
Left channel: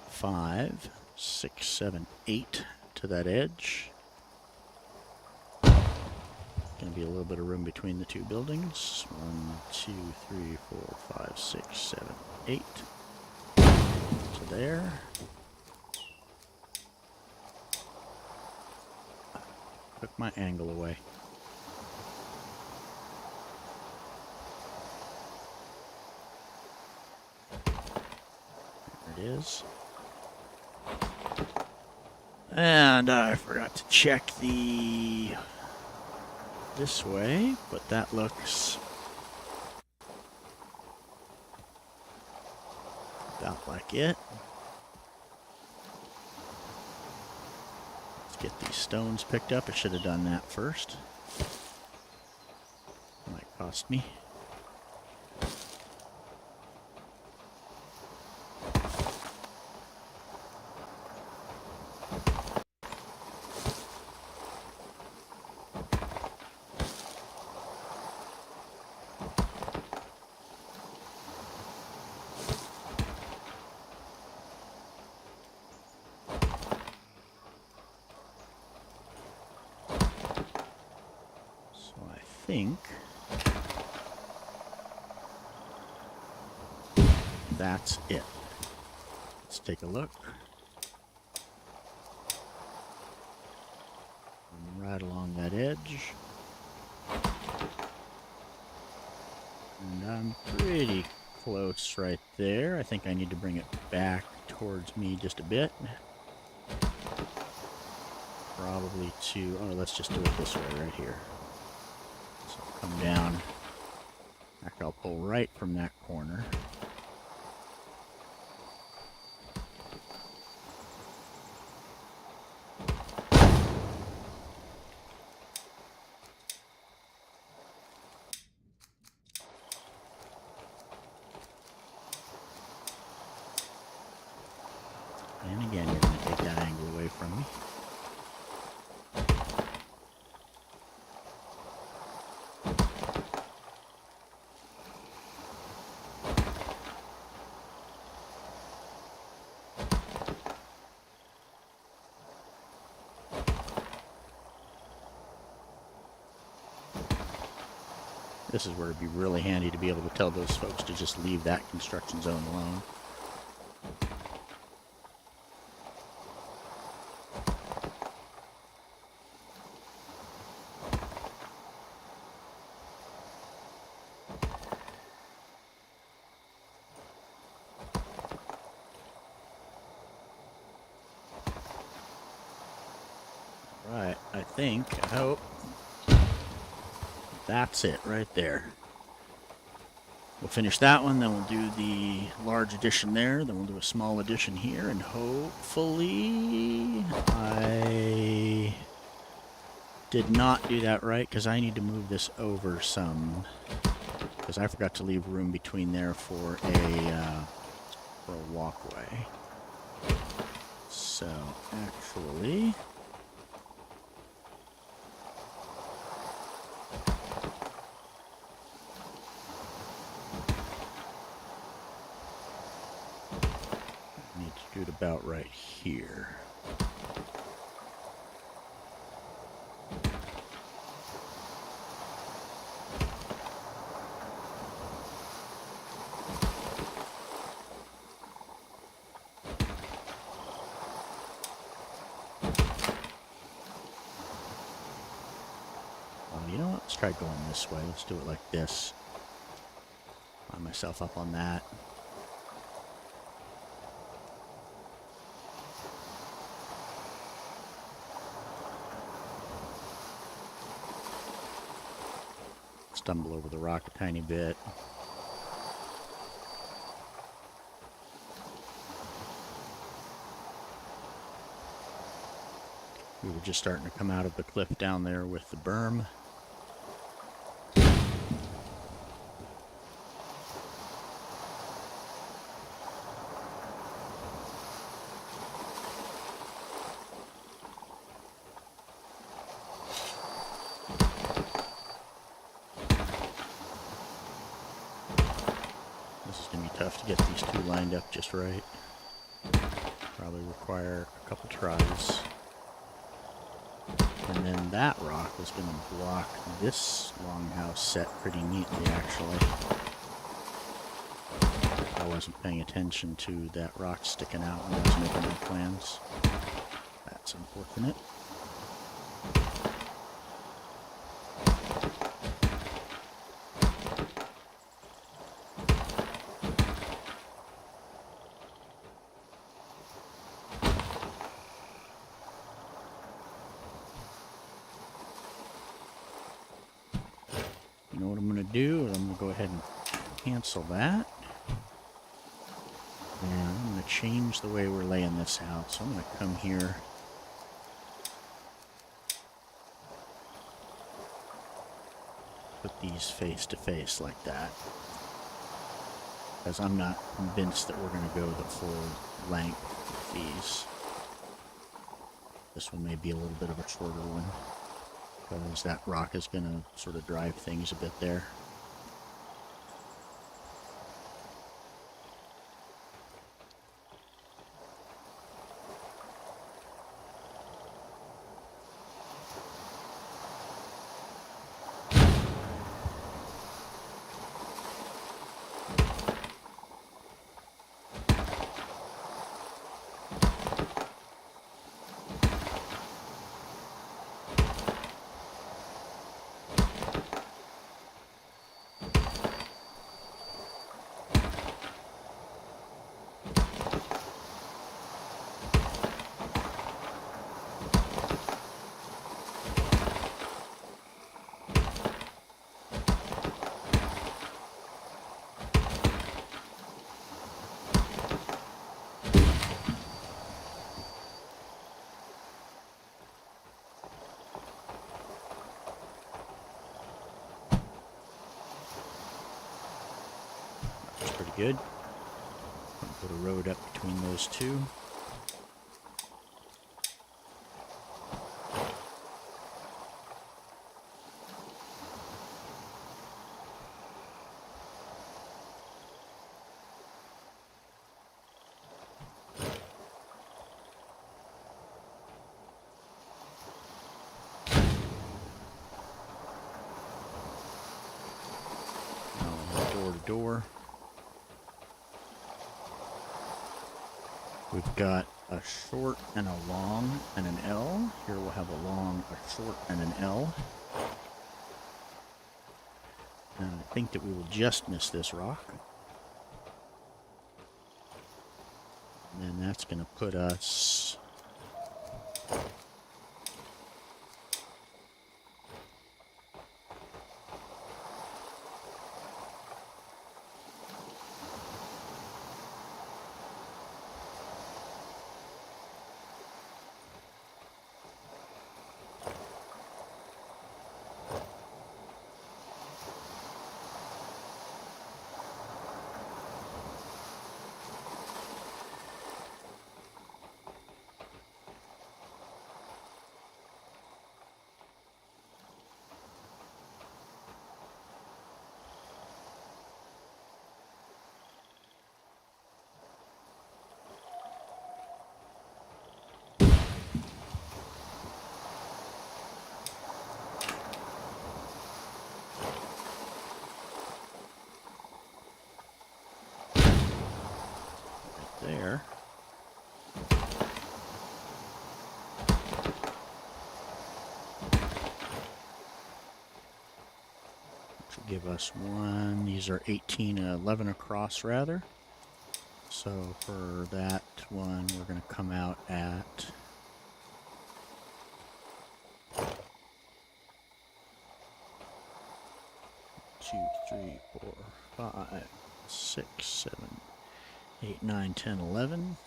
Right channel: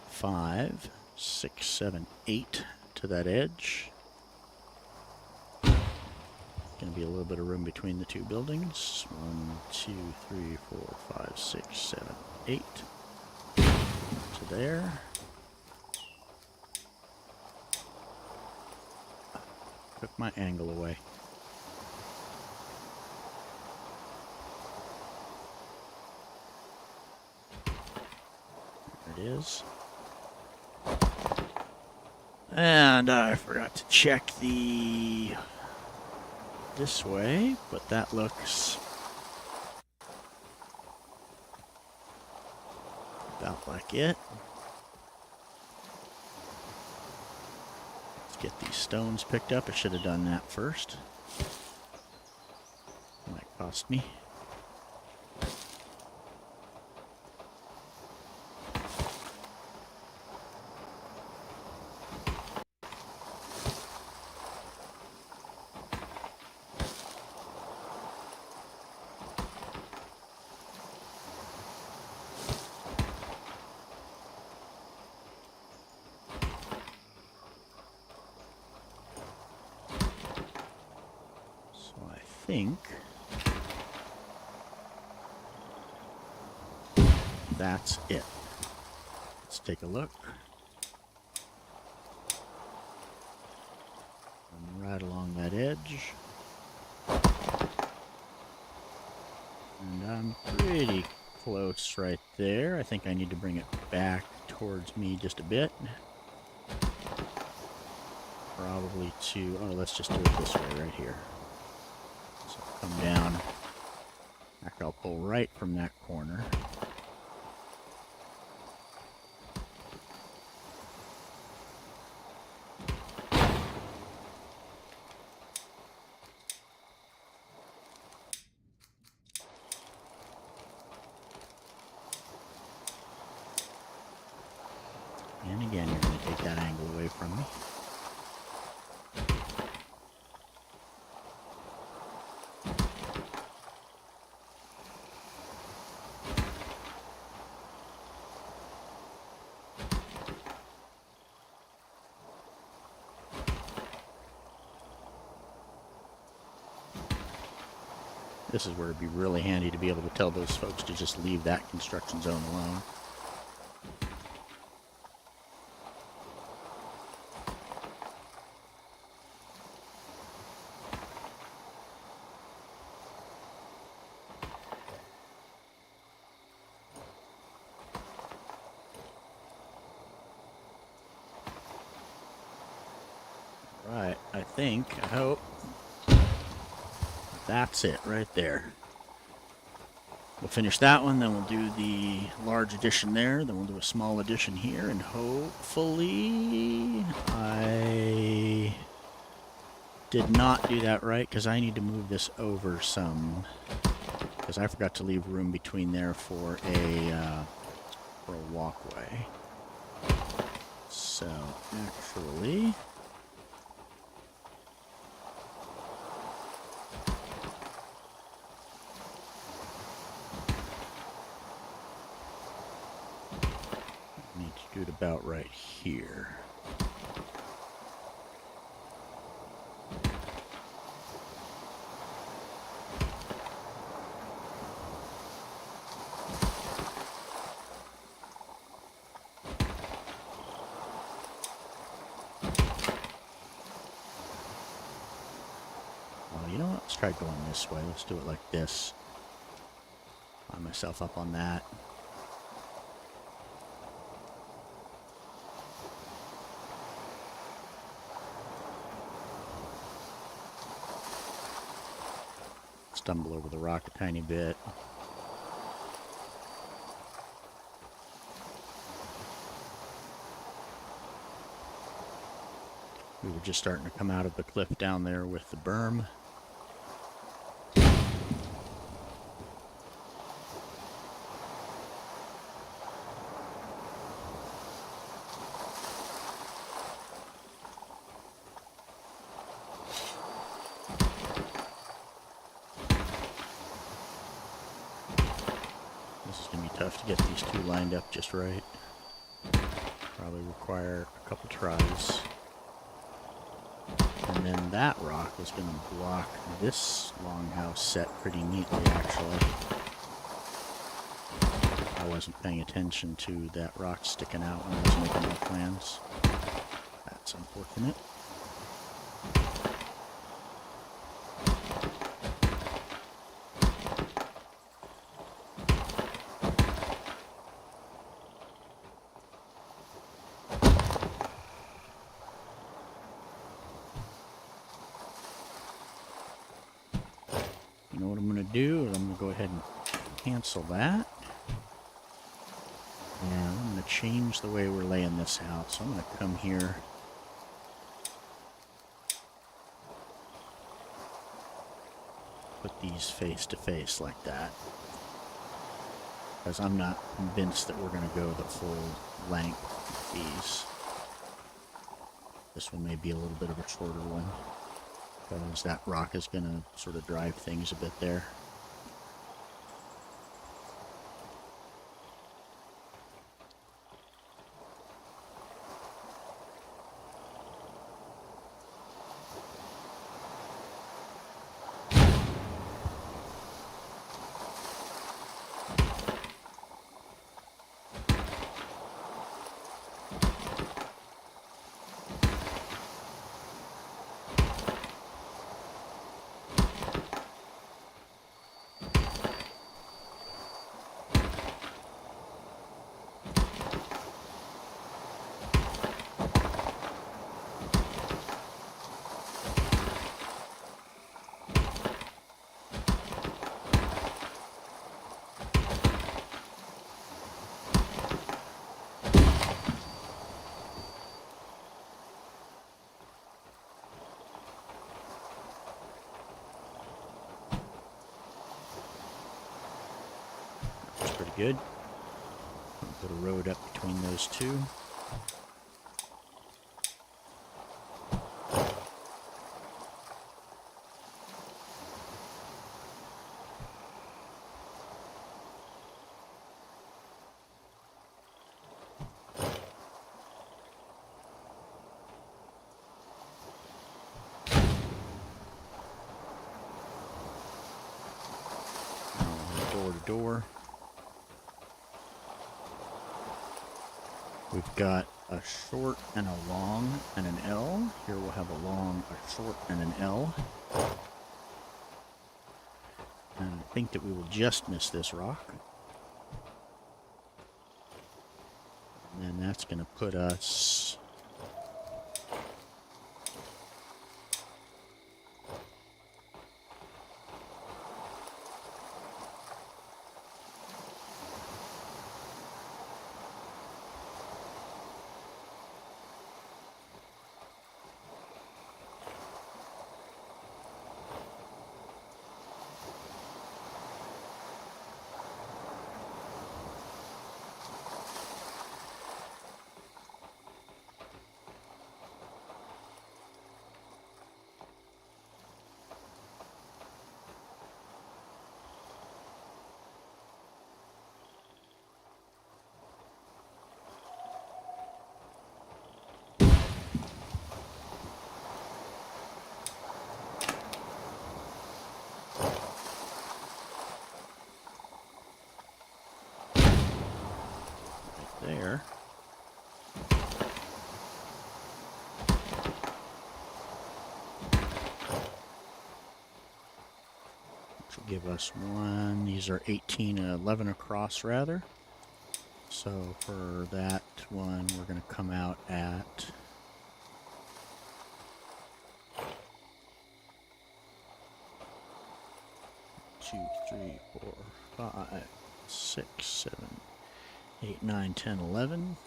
5, 6, 7, 8 to that edge. Going to be a little bit of room between the two buildings. 1, 2, 3, 4, 5, 6, 7, 8 to there. Took my angle away. Is. And I forgot to check this way, but that looks about like it. Let's get these stones picked up. I should have done that first. Might cost me. Think that's it. Let's take a look. I'm right along that edge. And I'm pretty close right there. I think I need to bring it back towards me just a bit. Probably to, oh, let's just do it this way right here. So I'll come down. Actually, I'll pull right from that corner. And again, you're going to take that angle away from me. This is where it'd be really handy to be able to tell those folks to just leave that construction zone alone. Right, I hope that's it right there. We'll finish that one, then we'll do the large addition there, then we'll do a small addition here, and hopefully I did not do that right, because I need to move this over some, because I forgot to leave room between there for a walkway. So, actually, need to do it about right here. Oh, you know what? Let's try going this way. Let's do it like this. Line myself up on that. Stumble over the rock a tiny bit. We were just starting to come out of the cliff down there with the berm. This is going to be tough to get these two lined up just right. Probably require a couple tries. And then that rock is going to block this longhouse set pretty neatly, actually. I wasn't paying attention to that rock sticking out when I was making my plans. That's unfortunate. You know what I'm going to do? I'm going to go ahead and cancel that. And I'm going to change the way we're laying this out. So I'm going to come here. Put these face to face like that. Because I'm not convinced that we're going to go the full length with these. This one may be a little bit of a shorter one. Because that rock is going to sort of drive things a bit there. Pretty good. Put a road up between those two. door to door. We've got a short and a long and an L. Here we'll have a long, a short, and an L. And I think that we will just miss this rock. And then that's going to put us there. Which will give us one. These are 18 and 11 across, rather. So for that one, we're going to come out at 2, 3, 4, 5, 6, 7, 8, 9, 10, 11.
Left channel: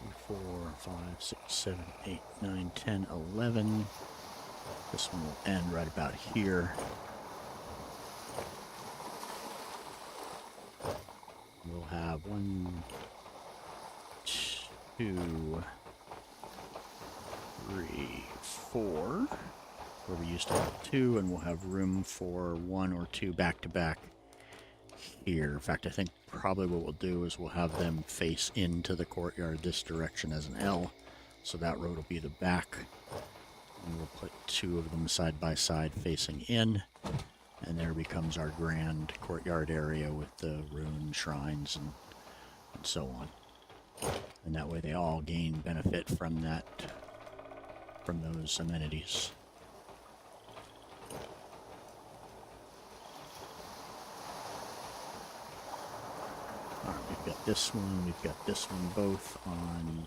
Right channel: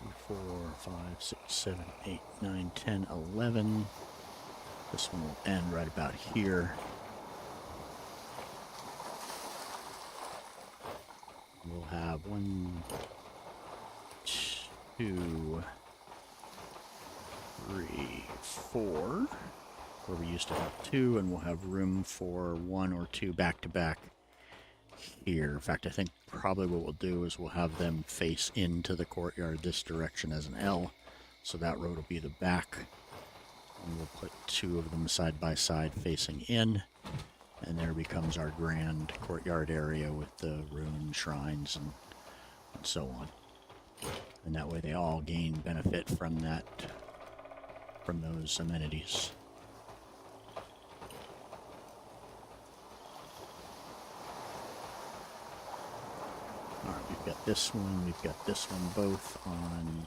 3, 4, 5, 6, 7, 8, 9, 10, 11. This one will end right about here. We'll have 1, 2, 3, 4, where we used to have 2, and we'll have room for 1 or 2 back to back here. In fact, I think probably what we'll do is we'll have them face into the courtyard this direction as an L, so that road will be the back, and we'll put 2 of them side by side facing in, and there becomes our grand courtyard area with the ruined shrines and so on. And that way they all gain benefit from that, from those amenities. Alright, we've got this one, we've got this one, both on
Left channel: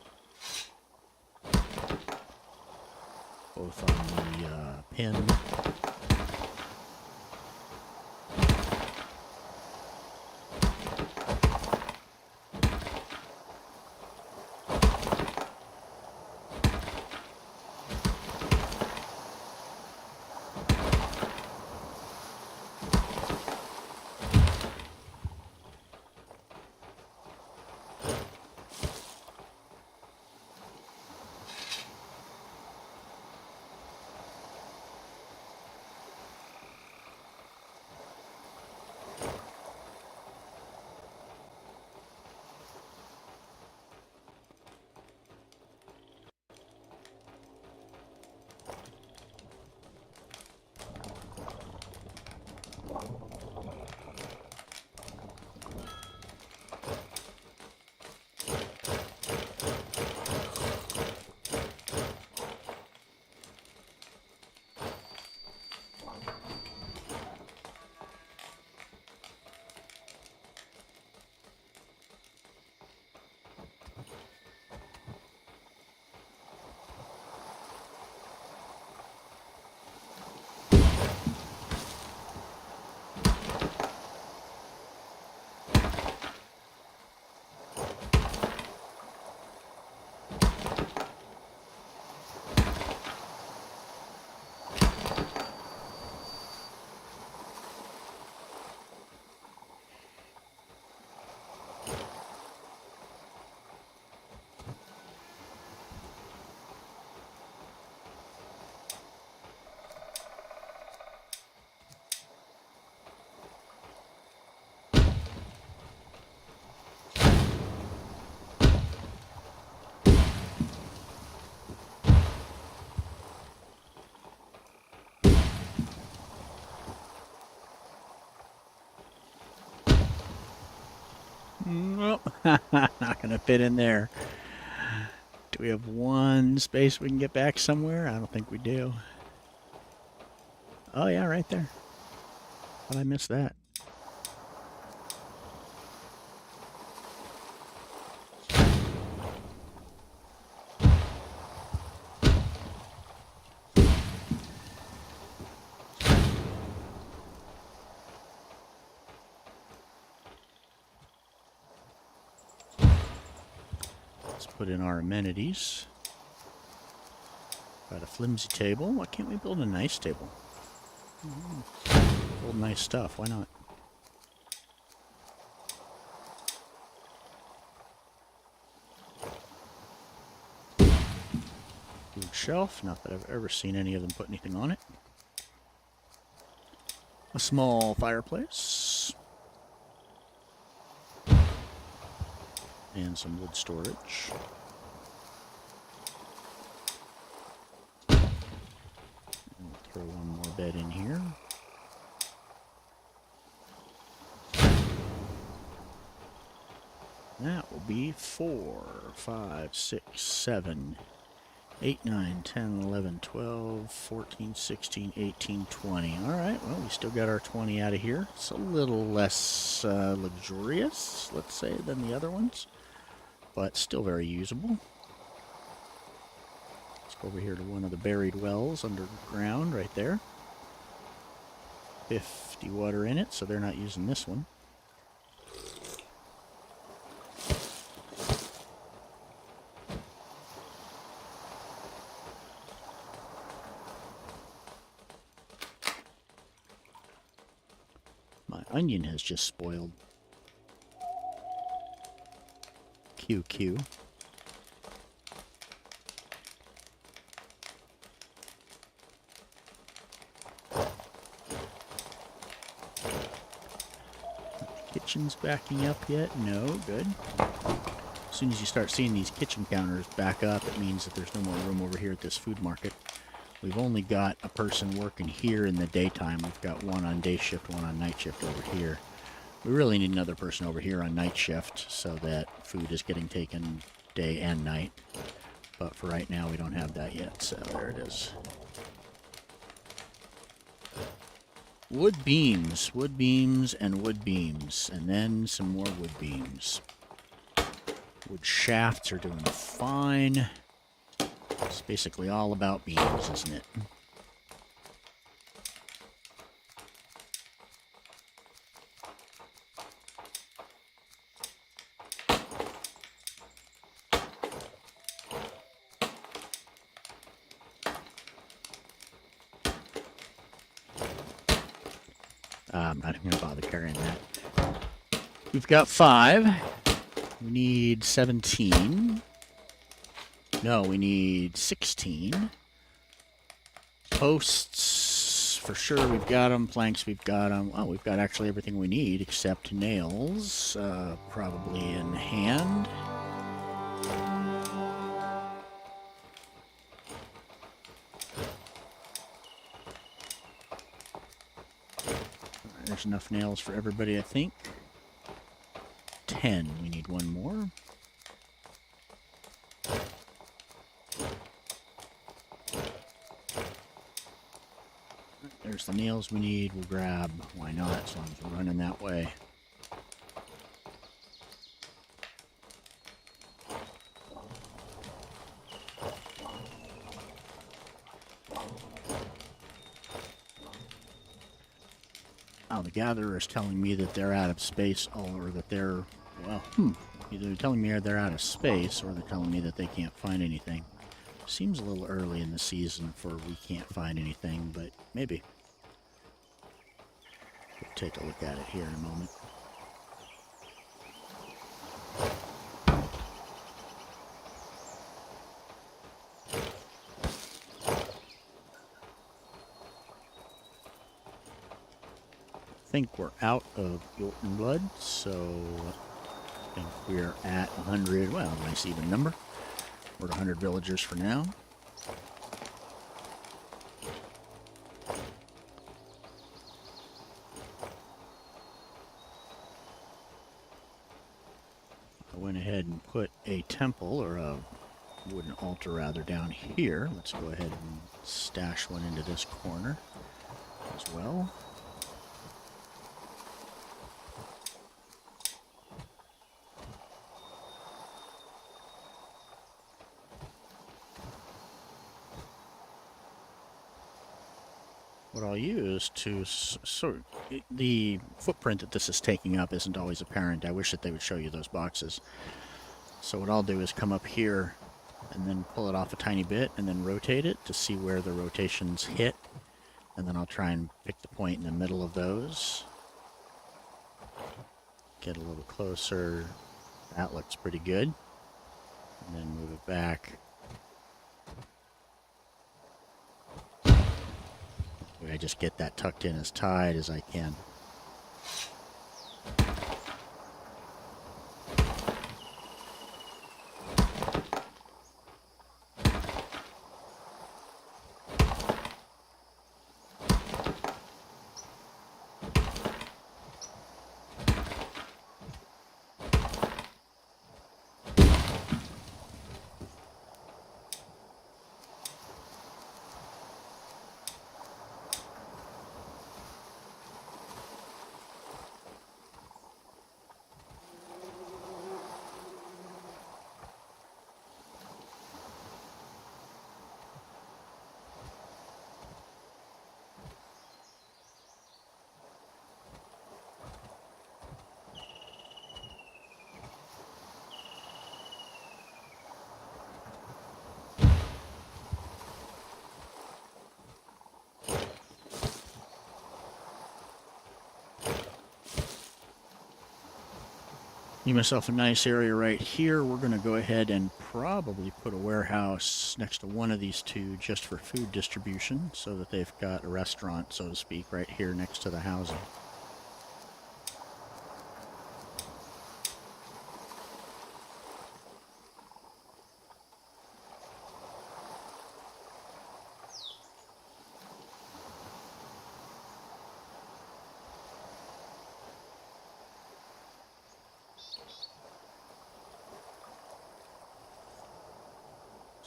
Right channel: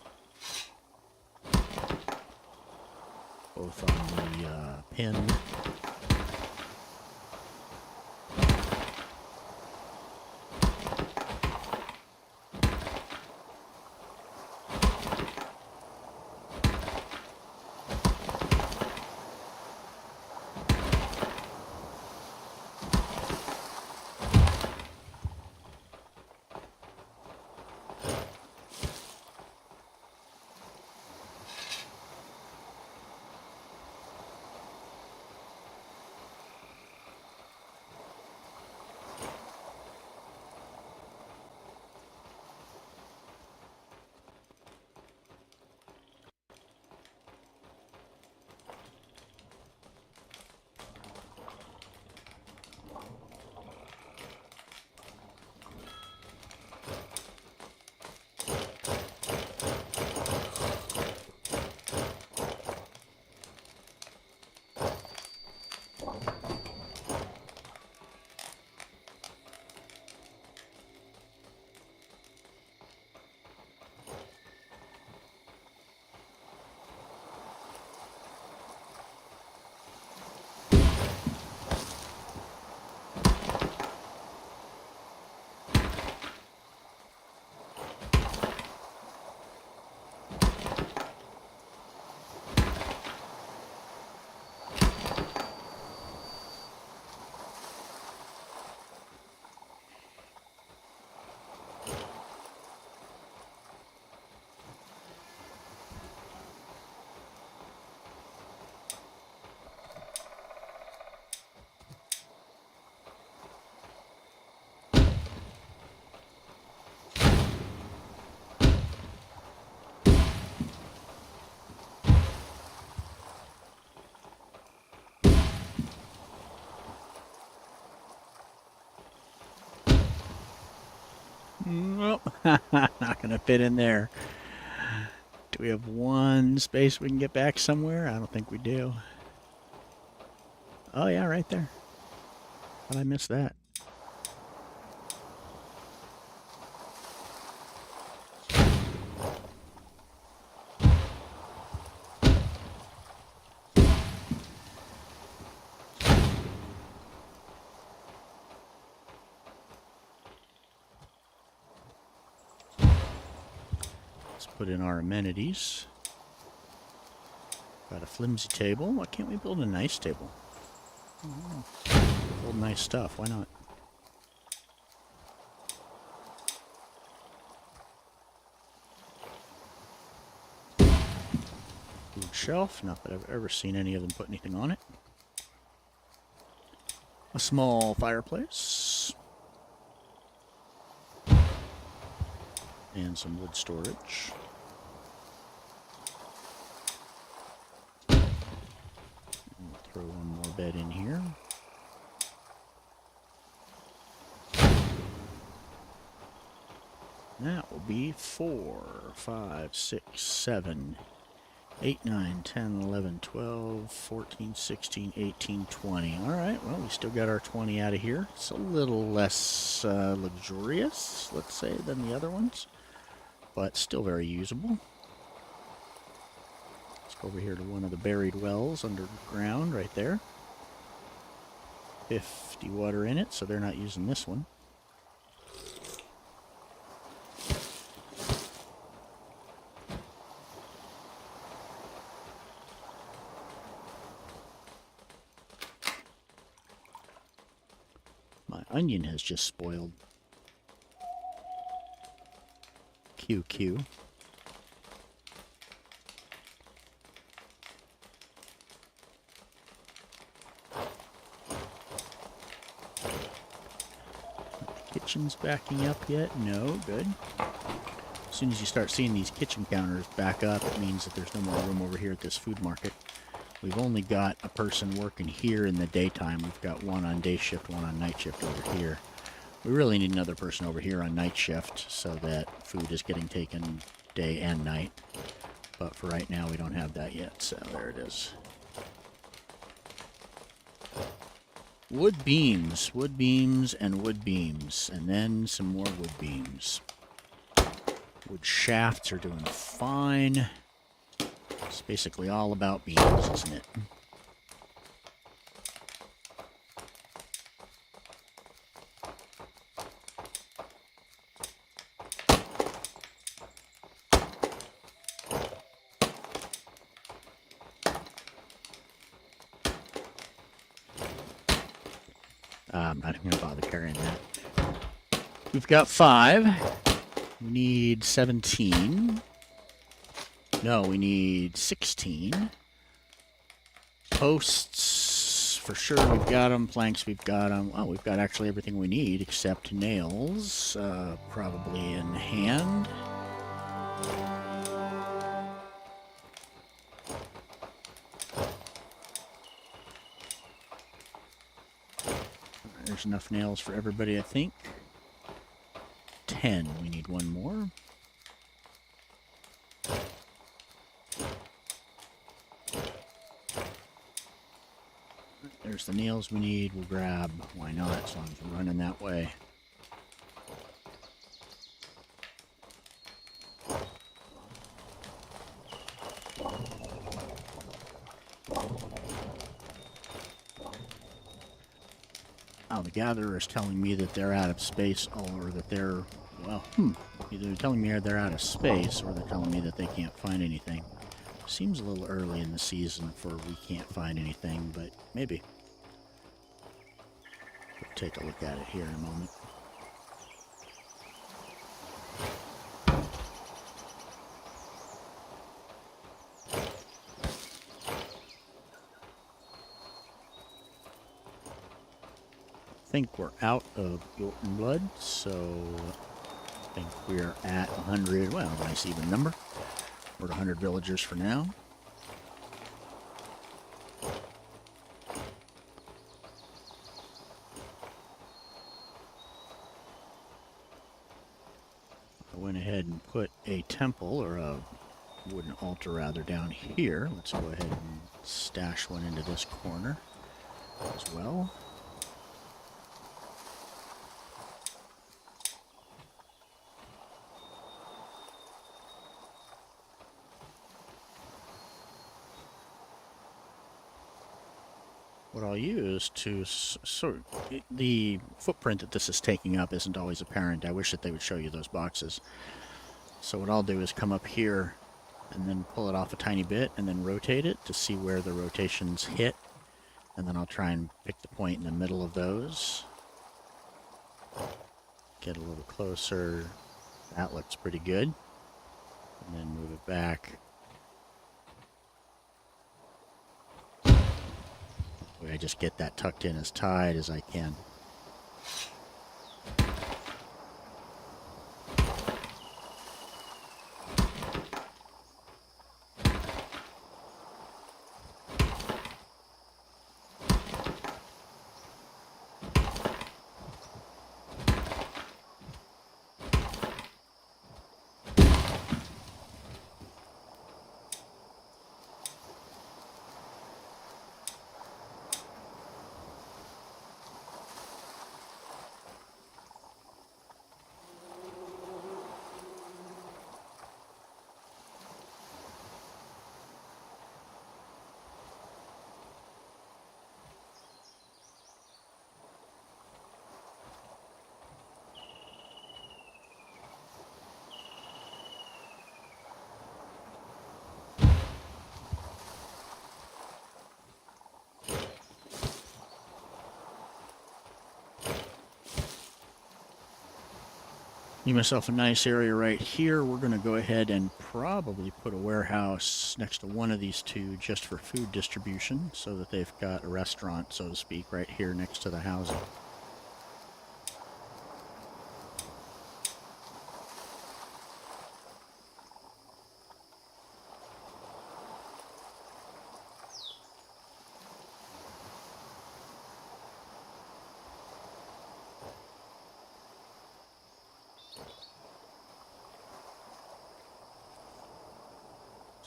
the pin. Nope. Not gonna fit in there. Do we have one space we can get back somewhere? I don't think we do. Oh yeah, right there. How'd I miss that? Put in our amenities. Got a flimsy table. Why can't we build a nice table? Build nice stuff. Why not? Food shelf. Not that I've ever seen any of them put anything on it. A small fireplace. And some wood storage. And we'll throw one more bed in here. That will be 4, 5, 6, 7, 8, 9, 10, 11, 12, 14, 16, 18, 20. Alright, well, we still got our 20 out of here. It's a little less luxurious, let's say, than the other ones, but still very usable. Let's go over here to one of the buried wells underground right there. 50 water in it, so they're not using this one. My onion has just spoiled. QQ. Kitchen's backing up yet? No, good. As soon as you start seeing these kitchen counters back up, it means that there's no more room over here at this food market. We've only got a person working here in the daytime. We've got one on day shift, one on night shift over here. We really need another person over here on night shift so that food is getting taken day and night. But for right now, we don't have that yet, so there it is. Wood beams, and wood beams, and then some more wood beams. Wood shafts are doing fine. It's basically all about beams, isn't it? I'm not even going to bother carrying that. We've got 5. We need 17. No, we need 16. Posts, for sure, we've got them. Planks, we've got them. Oh, we've got actually everything we need except nails, probably in hand. There's enough nails for everybody, I think. 10. We need one more. There's the nails we need. We'll grab. Why not? As long as we're running that way. Oh, the gatherer is telling me that they're out of space, or that they're, well, either they're telling me they're out of space, or they're telling me that they can't find anything. Seems a little early in the season for we can't find anything, but maybe. We'll take a look at it here in a moment. I think we're out of Jotun blood, so I think we're at 100. Well, nice even number. We're at 100 villagers for now. temple, or a wooden altar rather, down here. Let's go ahead and stash one into this corner as well. What I'll use to sort the footprint that this is taking up isn't always apparent. I wish that they would show you those boxes. So what I'll do is come up here and then pull it off a tiny bit and then rotate it to see where the rotations hit. And then I'll try and pick the point in the middle of those. Get a little closer. That looks pretty good. And then move it back. I just get that tucked in as tight as I can. Give myself a nice area right here. We're going to go ahead and probably put a warehouse next to one of these two just for food distribution, so that they've got a restaurant, so to speak, right here next to the housing.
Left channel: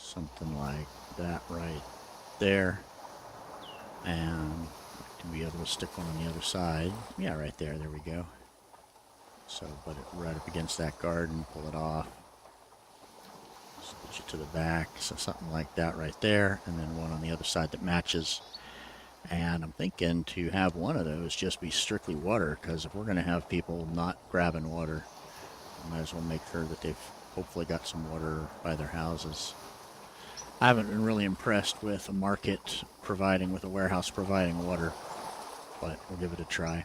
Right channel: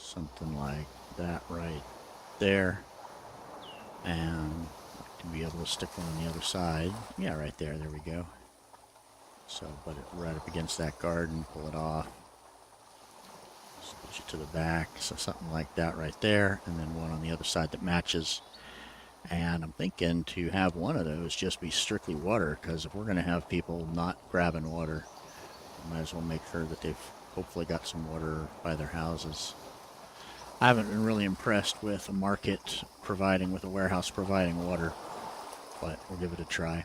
Something like that right there. And to be able to stick one on the other side. Yeah, right there. There we go. So, put it right up against that garden, pull it off. Switch it to the back. So something like that right there. And then one on the other side that matches. And I'm thinking to have one of those just be strictly water, because if we're going to have people not grabbing water, we might as well make sure that they've hopefully got some water by their houses. I haven't been really impressed with a market providing, with a warehouse providing water, but we'll give it a try.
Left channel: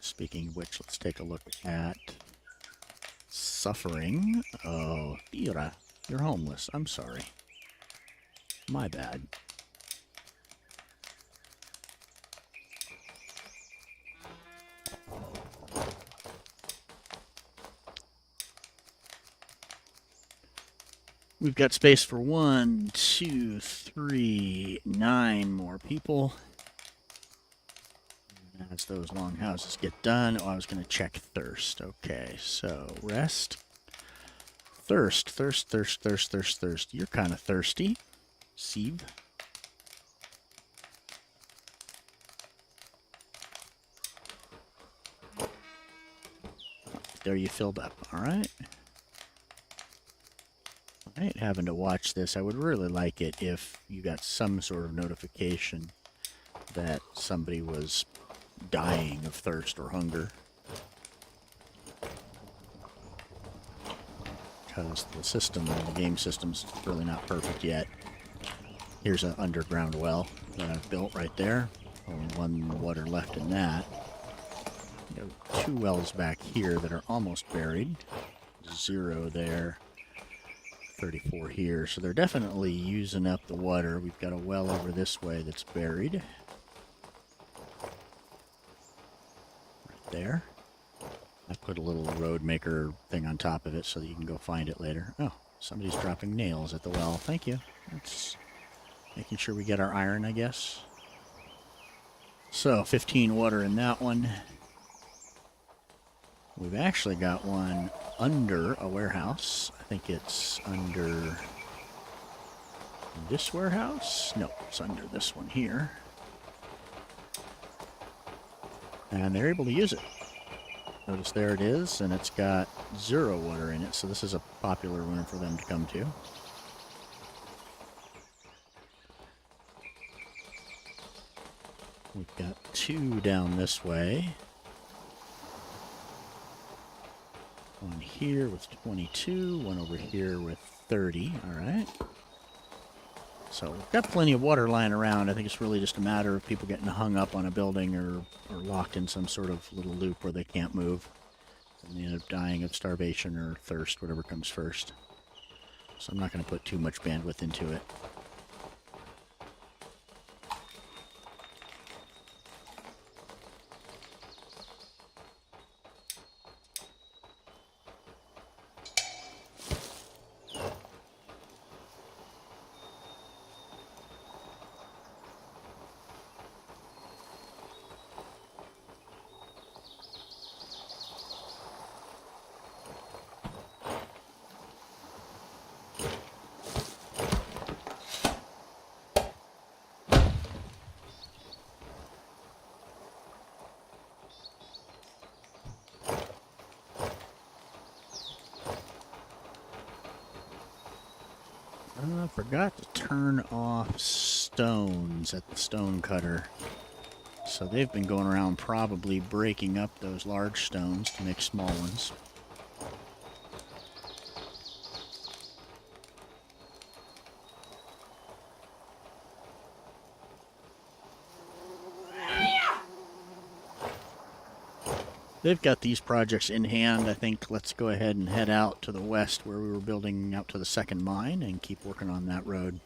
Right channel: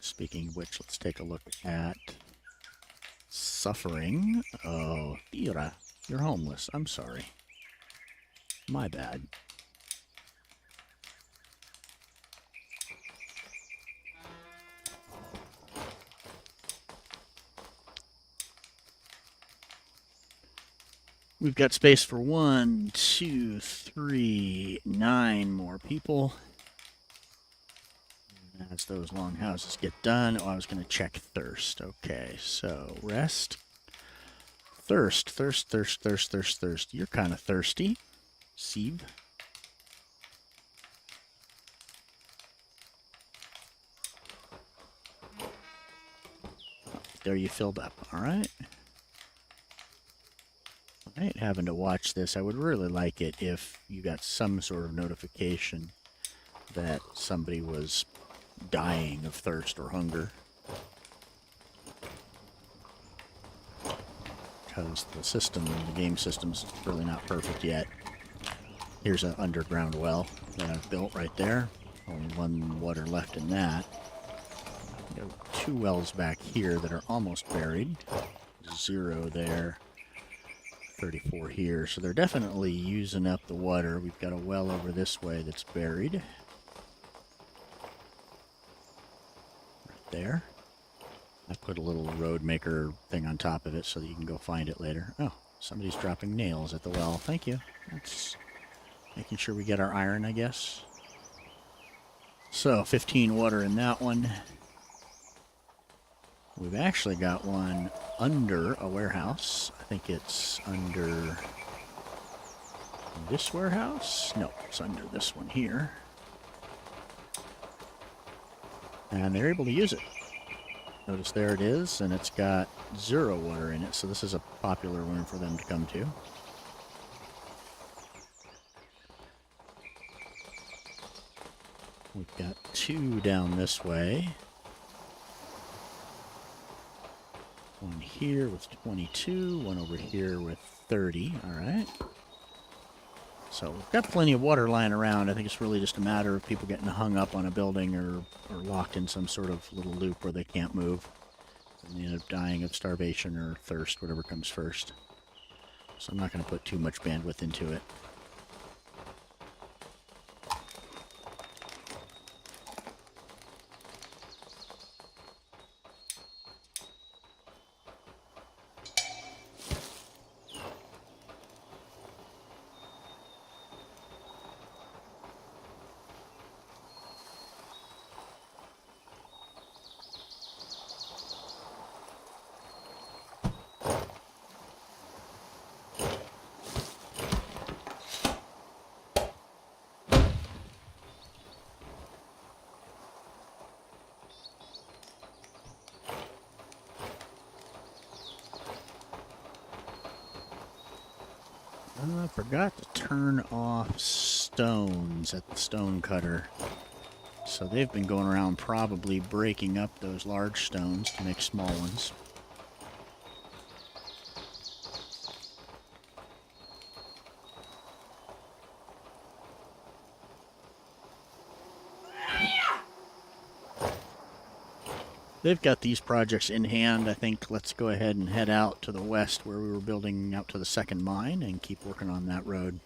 Speaking of which, let's take a look at suffering. Oh, Ira, you're homeless. I'm sorry. My bad. We've got space for 1, 2, 3, 9 more people. As those long houses get done, oh, I was going to check thirst. Okay, so rest. Thirst, thirst, thirst, thirst, thirst, thirst. You're kind of thirsty. Sieve. There you filled up. All right. I ain't having to watch this. I would really like it if you got some sort of notification that somebody was dying of thirst or hunger. Because the system, the game system's really not perfect yet. Here's an underground well that I've built right there. Only one water left in that. You have 2 wells back here that are almost buried. 0 there. 34 here. So they're definitely using up the water. We've got a well over this way that's buried. Right there. I put a little road maker thing on top of it so that you can go find it later. Oh, Somebody's dropping nails at the well. Thank you. That's making sure we get our iron, I guess. So, 15 water in that one. We've actually got one under a warehouse. I think it's under this warehouse. No, it's under this one here. And they're able to use it. Notice there it is, and it's got 0 water in it, so this is a popular one for them to come to. We've got 2 down this way. One here with 22, one over here with 30, alright. So we've got plenty of water lying around. I think it's really just a matter of people getting hung up on a building or locked in some sort of little loop where they can't move. And they end up dying of starvation or thirst, whatever comes first. So I'm not going to put too much bandwidth into it. I forgot to turn off stones at the stone cutter. So they've been going around probably breaking up those large stones to make small ones. They've got these projects in hand. I think let's go ahead and head out to the west where we were building out to the second mine and keep working on that road.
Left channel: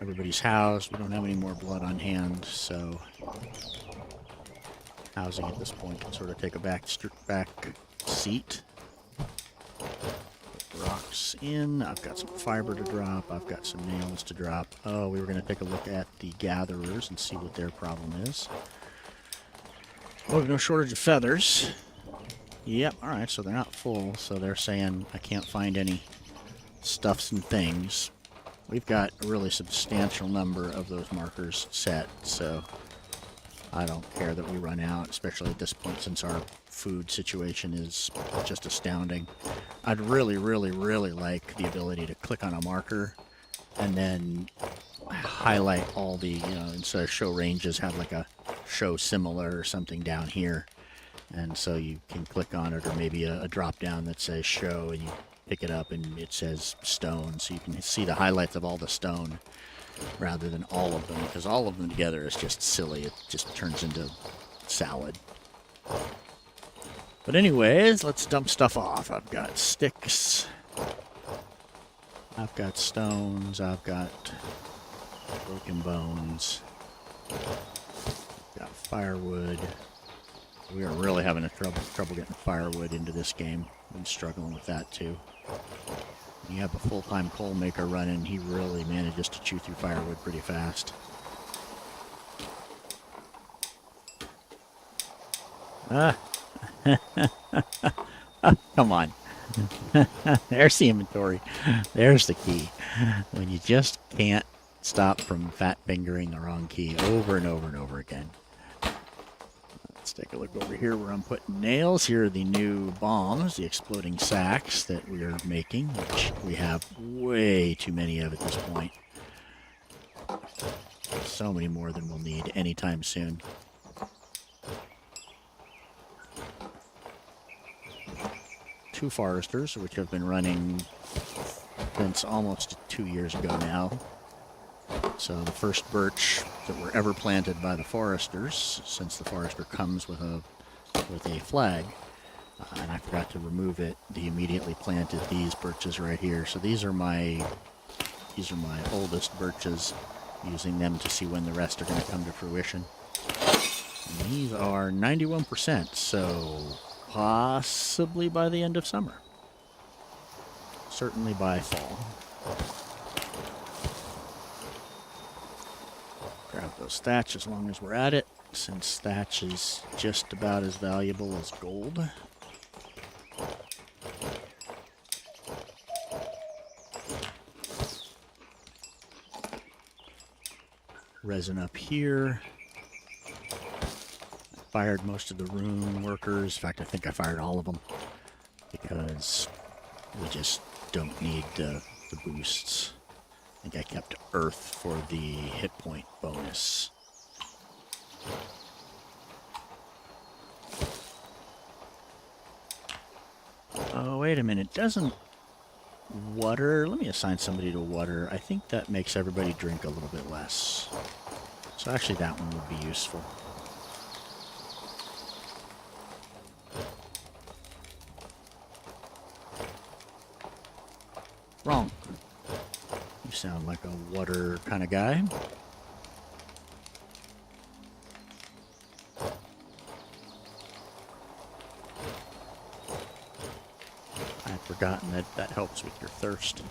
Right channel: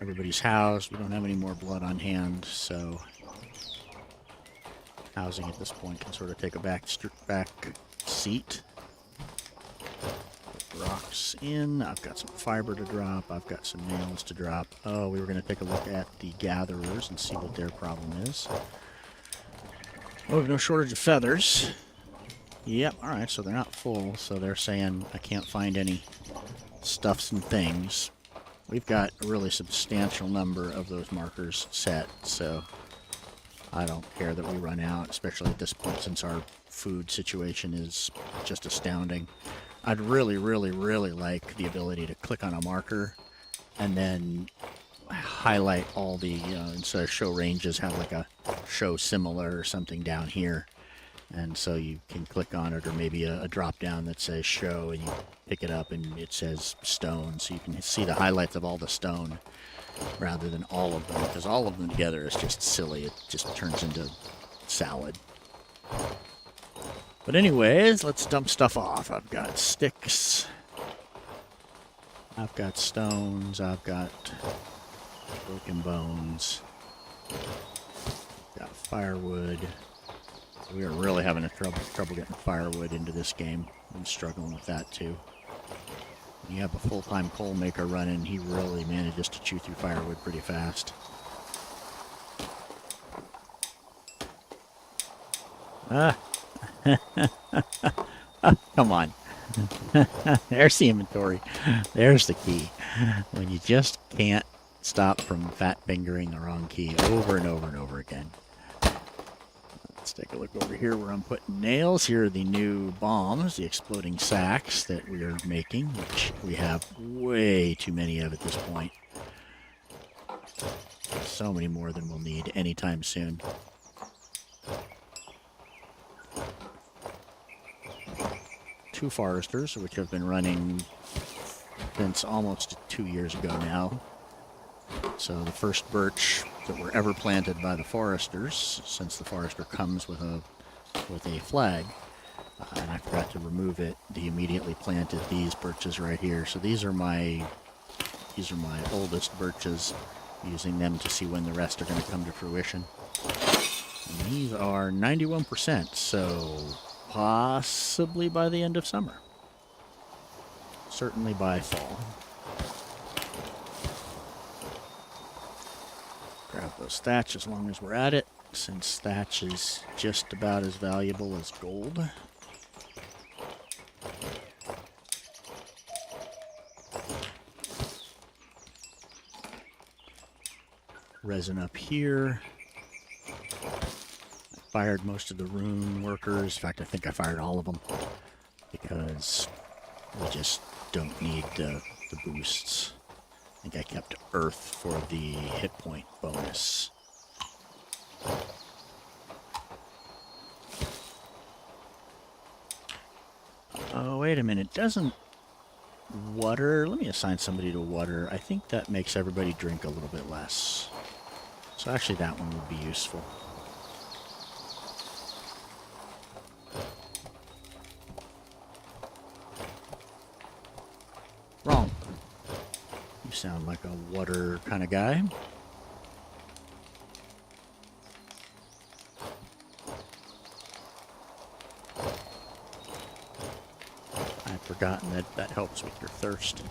Everybody's housed. We don't have any more blood on hand, so housing at this point can sort of take a back seat. Put rocks in. I've got some fiber to drop. I've got some nails to drop. Oh, we were going to take a look at the gatherers and see what their problem is. Oh, no shortage of feathers. Yep, alright, so they're not full, so they're saying I can't find any stuffs and things. We've got a really substantial number of those markers set, so I don't care that we run out, especially at this point since our food situation is just astounding. I'd really, really, really like the ability to click on a marker and then highlight all the, instead of show ranges, have like a show similar or something down here. And so you can click on it, or maybe a drop down that says show, and you pick it up and it says stone, so you can see the highlights of all the stone rather than all of them, because all of them together is just silly. It just turns into salad. But anyways, let's dump stuff off. I've got sticks. I've got stones. I've got broken bones. Got firewood. We are really having trouble getting firewood into this game. I'm struggling with that too. When you have a full-time coal maker running, he really manages to chew through firewood pretty fast. Ah. Oh, come on. There's the inventory. There's the key. When you just can't stop from fat fingering the wrong key over and over and over again. Let's take a look over here where I'm putting nails. Here are the new bombs, the exploding sacks that we are making, which we have way too many of at this point. So many more than we'll need anytime soon. Two foresters, which have been running since almost 2 years ago now. So the first birch that were ever planted by the foresters, since the forester comes with a flag, and I forgot to remove it, they immediately planted these birches right here. So these are my oldest birches, using them to see when the rest are going to come to fruition. And these are 91%, so possibly by the end of summer. certainly by fall. Grab those thatch as long as we're at it, since thatch is just about as valuable as gold. Resin up here. I fired most of the room workers. In fact, I think I fired all of them because we just don't need the boosts. I think I kept Earth for the hit point bonus. Oh, wait a minute. Doesn't water... Let me assign somebody to water. I think that makes everybody drink a little bit less. So actually that one would be useful. Wrong. You sound like a water kind of guy. I'd forgotten that that helps with your thirst.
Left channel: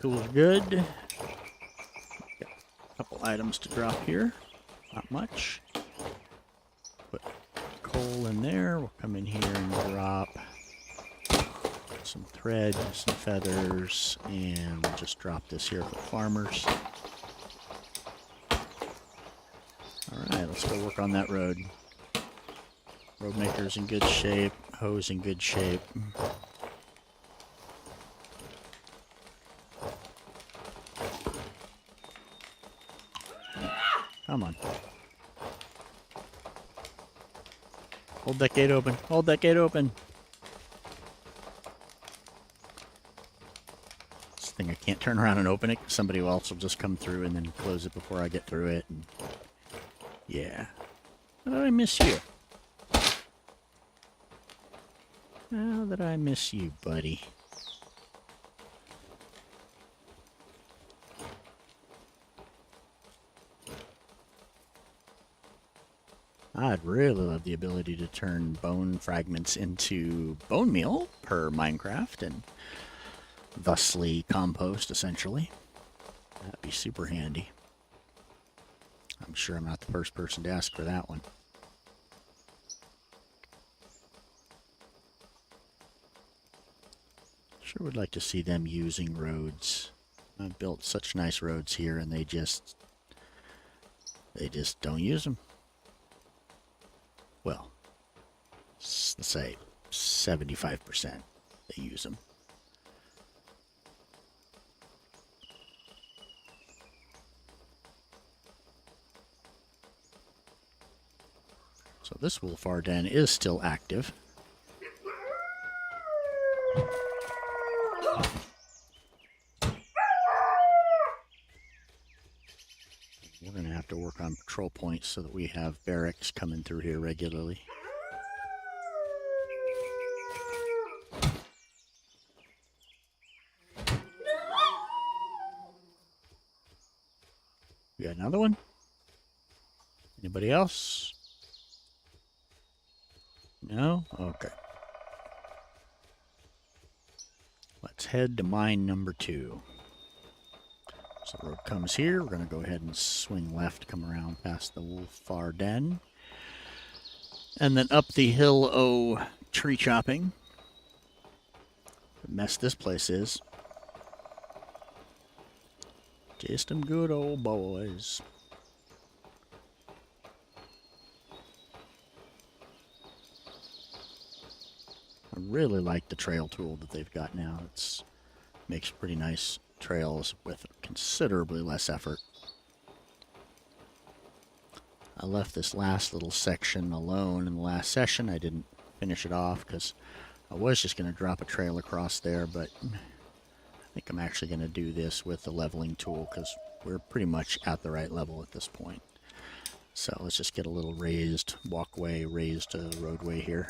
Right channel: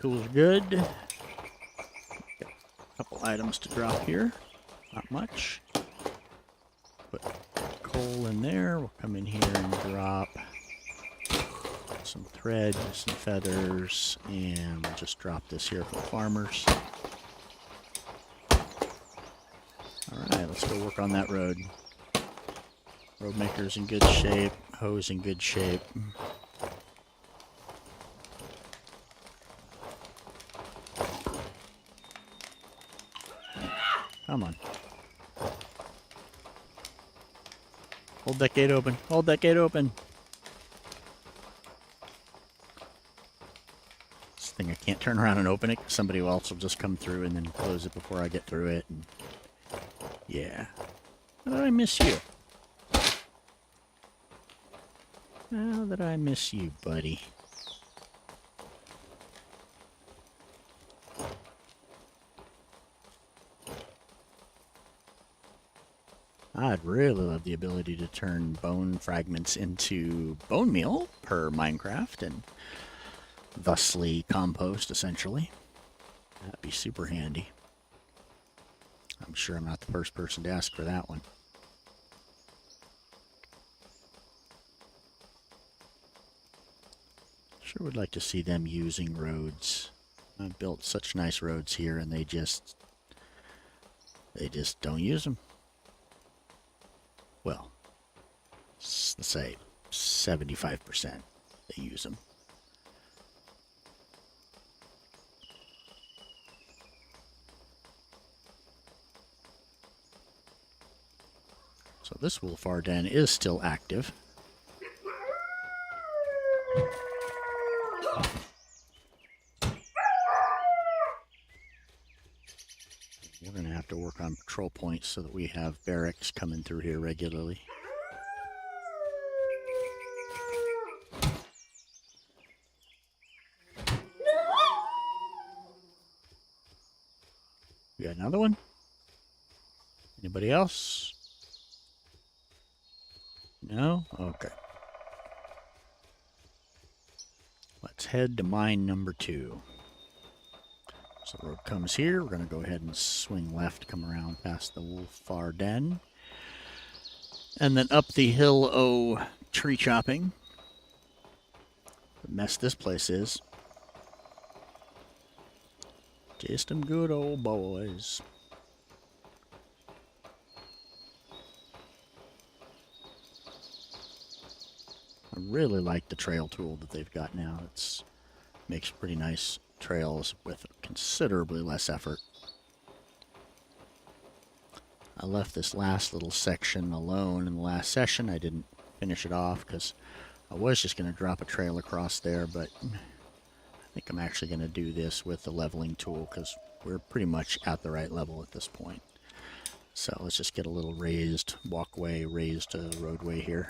Tools are good. Got a couple items to drop here. Not much. Put coal in there. We'll come in here and drop some thread, some feathers, and we'll just drop this here for the farmers. Alright, let's go work on that road. Road maker's in good shape. Hose in good shape. Come on. Hold that gate open. Hold that gate open. This thing, I can't turn around and open it. Somebody else will just come through and then close it before I get through it. And yeah. How did I miss you? How did I miss you, buddy? I'd really love the ability to turn bone fragments into bone meal per Minecraft and thusly compost, essentially. That'd be super handy. I'm sure I'm not the first person to ask for that one. Sure would like to see them using roads. I've built such nice roads here and they just don't use them. Well, let's say 75% they use them. So this wolf-ar den is still active. We're going to have to work on patrol points so that we have barracks coming through here regularly. You got another one? Anybody else? No? Okay. Let's head to mine number 2. So the road comes here. We're going to go ahead and swing left, come around past the wolf-ar den. And then up the hill, tree chopping. The mess this place is. Just them good old boys. I really like the trail tool that they've got now. It makes pretty nice trails with considerably less effort. I left this last little section alone in the last session. I didn't finish it off because I was just going to drop a trail across there, but I think I'm actually going to do this with the leveling tool because we're pretty much at the right level at this point. So let's just get a little raised walkway, raised roadway here.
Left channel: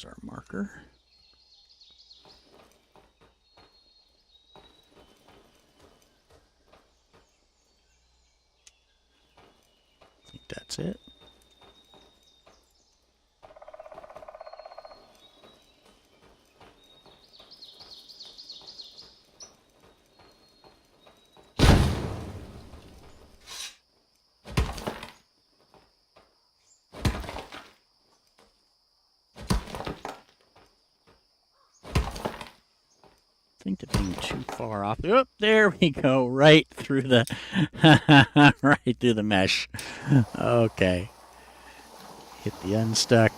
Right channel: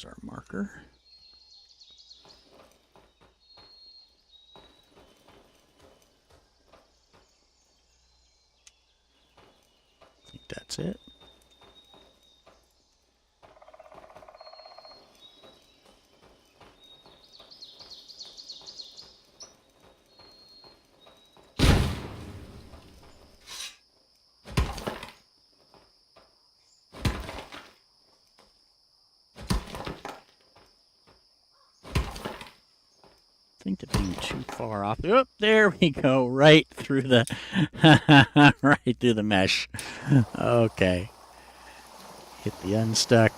There's our marker. I think that's it. To being too far off. Oop, there we go. Right through the right through the mesh. Okay. Hit the unstuck.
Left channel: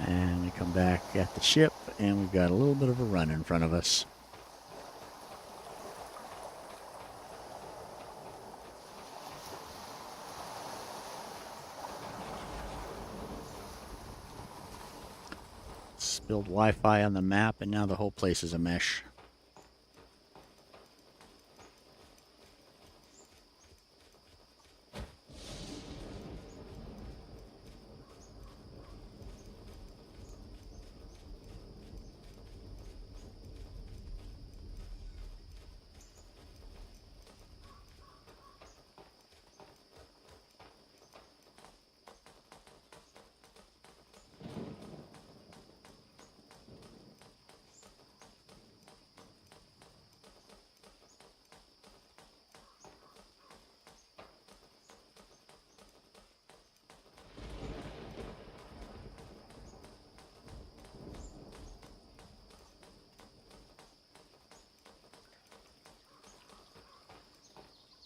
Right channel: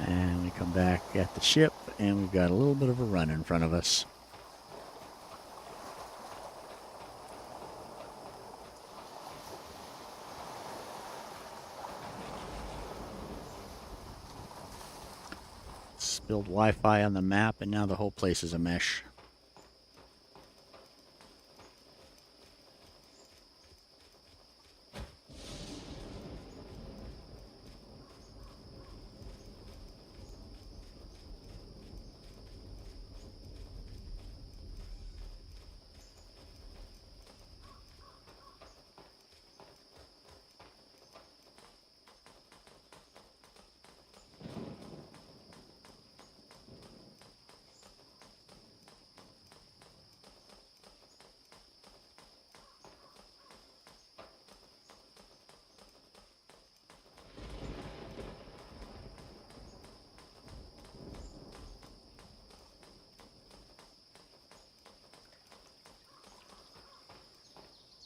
And we come back at the ship and we've got a little bit of a run in front of us. Spilled Wi-Fi on the map, and now the whole place is a mesh.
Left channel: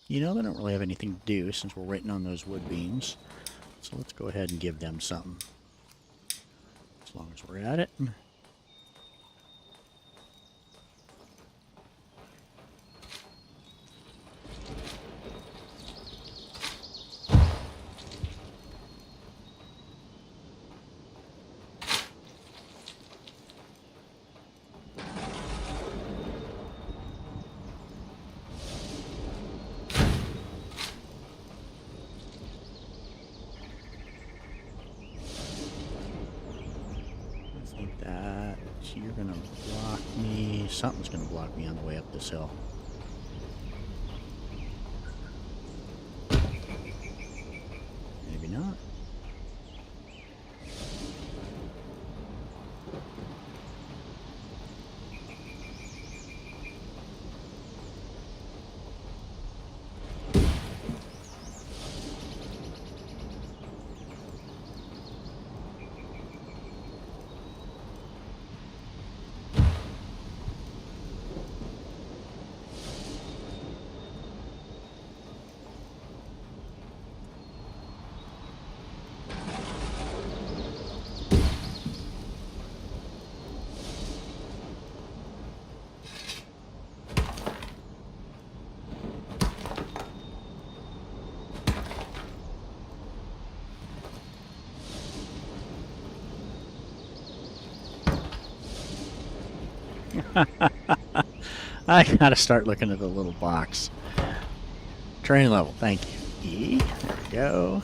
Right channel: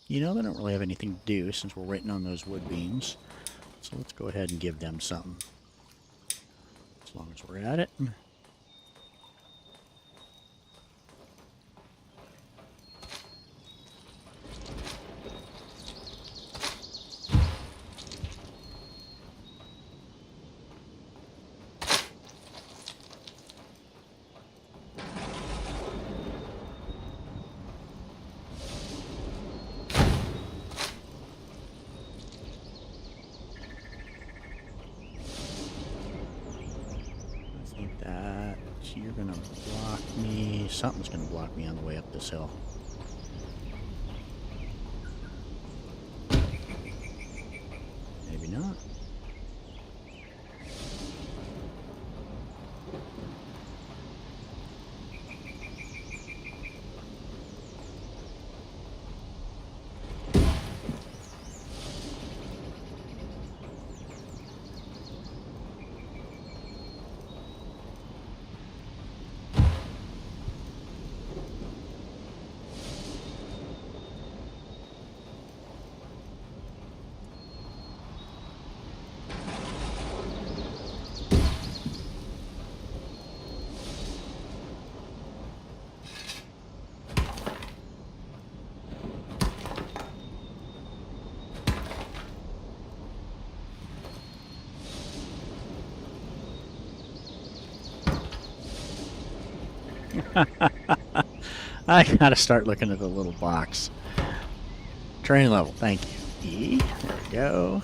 You know, they don't really have anything to do since we're waiting on those wood beams. So let's go ahead and give them something. As long as we're at it. You're gonna block me. Something's gonna block me on the way up this hill. Maybe not. I gotta start looking at the little box. Terrain level, thank you. E, there we go.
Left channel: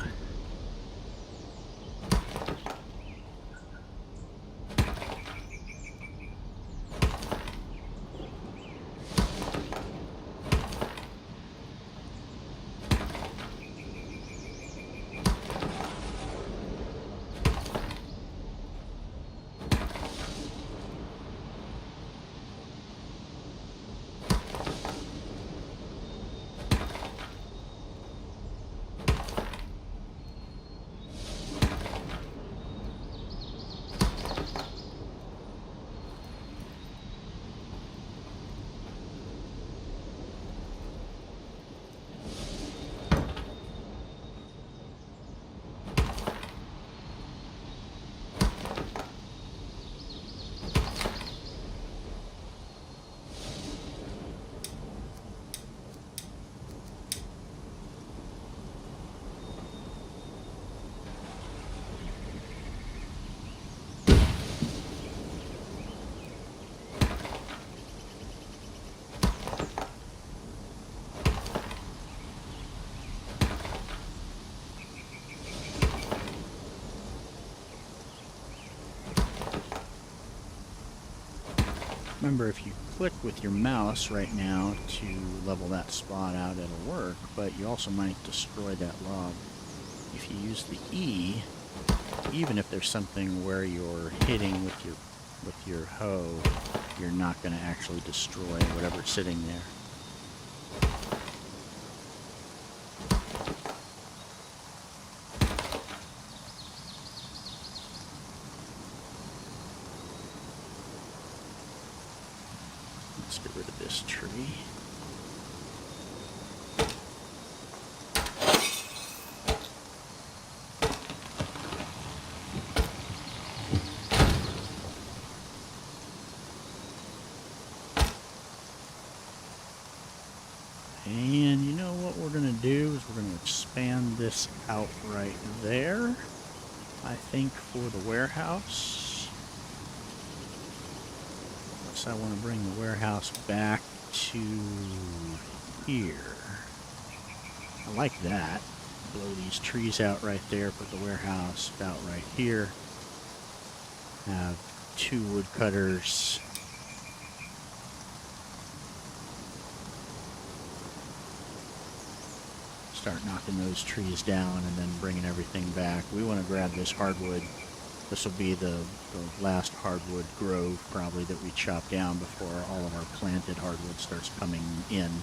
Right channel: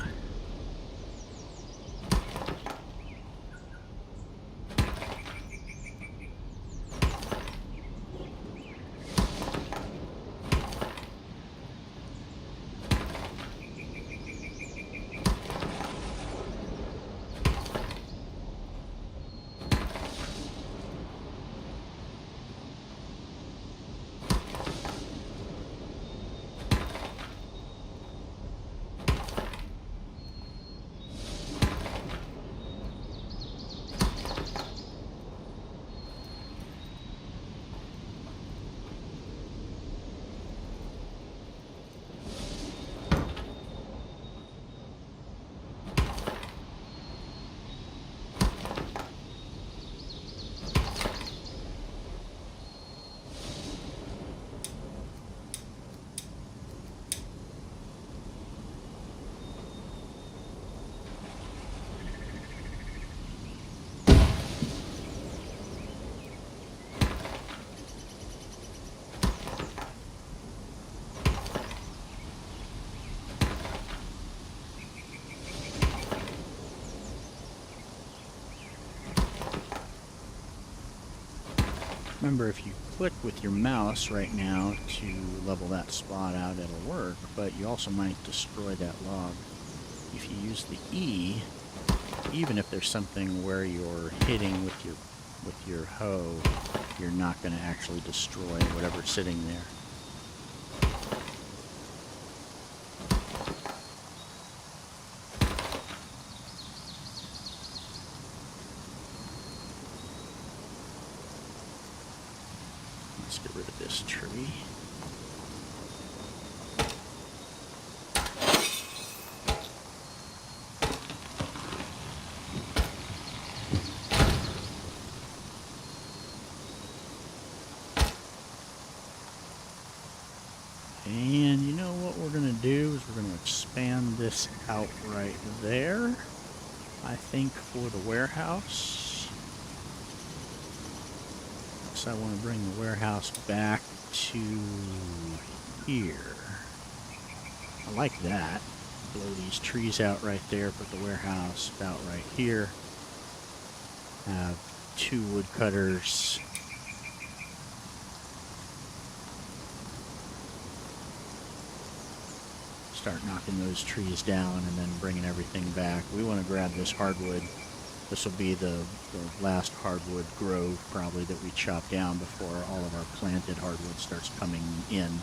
Remember, if you click with your mouse right now to level that spot out, it'll work, but you also might destroy that log. If you use the E, even if there's something where you're hitting with your hoe, you're not going to actually destroy whatever's sitting there. Let's get rid of this tree. And you know what we're going to do is we're going to expand this out right there, I think, for the warehouse. Unless I want to bring the warehouse back to here. I like that. Blow these trees out right there, put the warehouse about right here. Have 2 woodcutters. Start knocking those trees down and then bringing everything back. We want to grab this hardwood. This will be the last hardwood grove probably that we chop down before all of our planted hardwood starts coming in.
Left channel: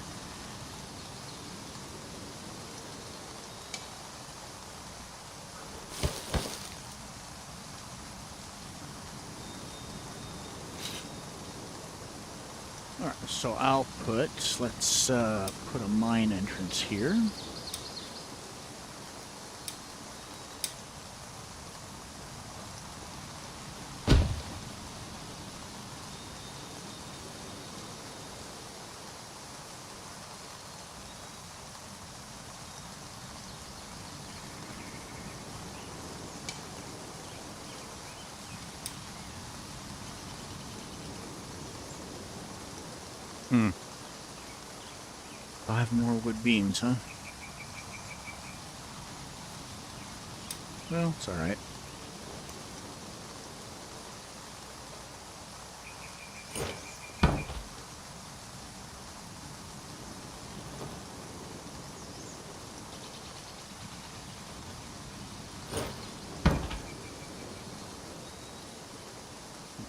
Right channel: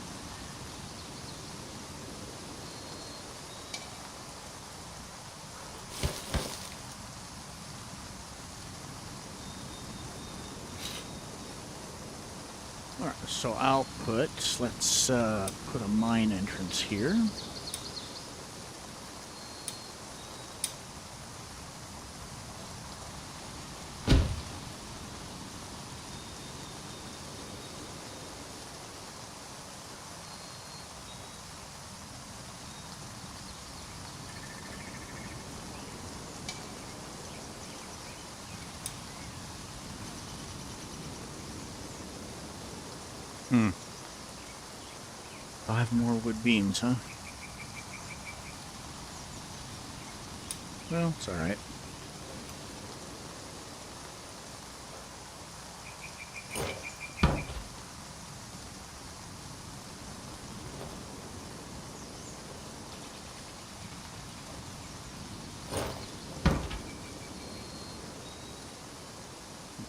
Alright, so I'll let's put a mine entrance here. Hmm. 5 more wood beams, huh? Well, it's alright.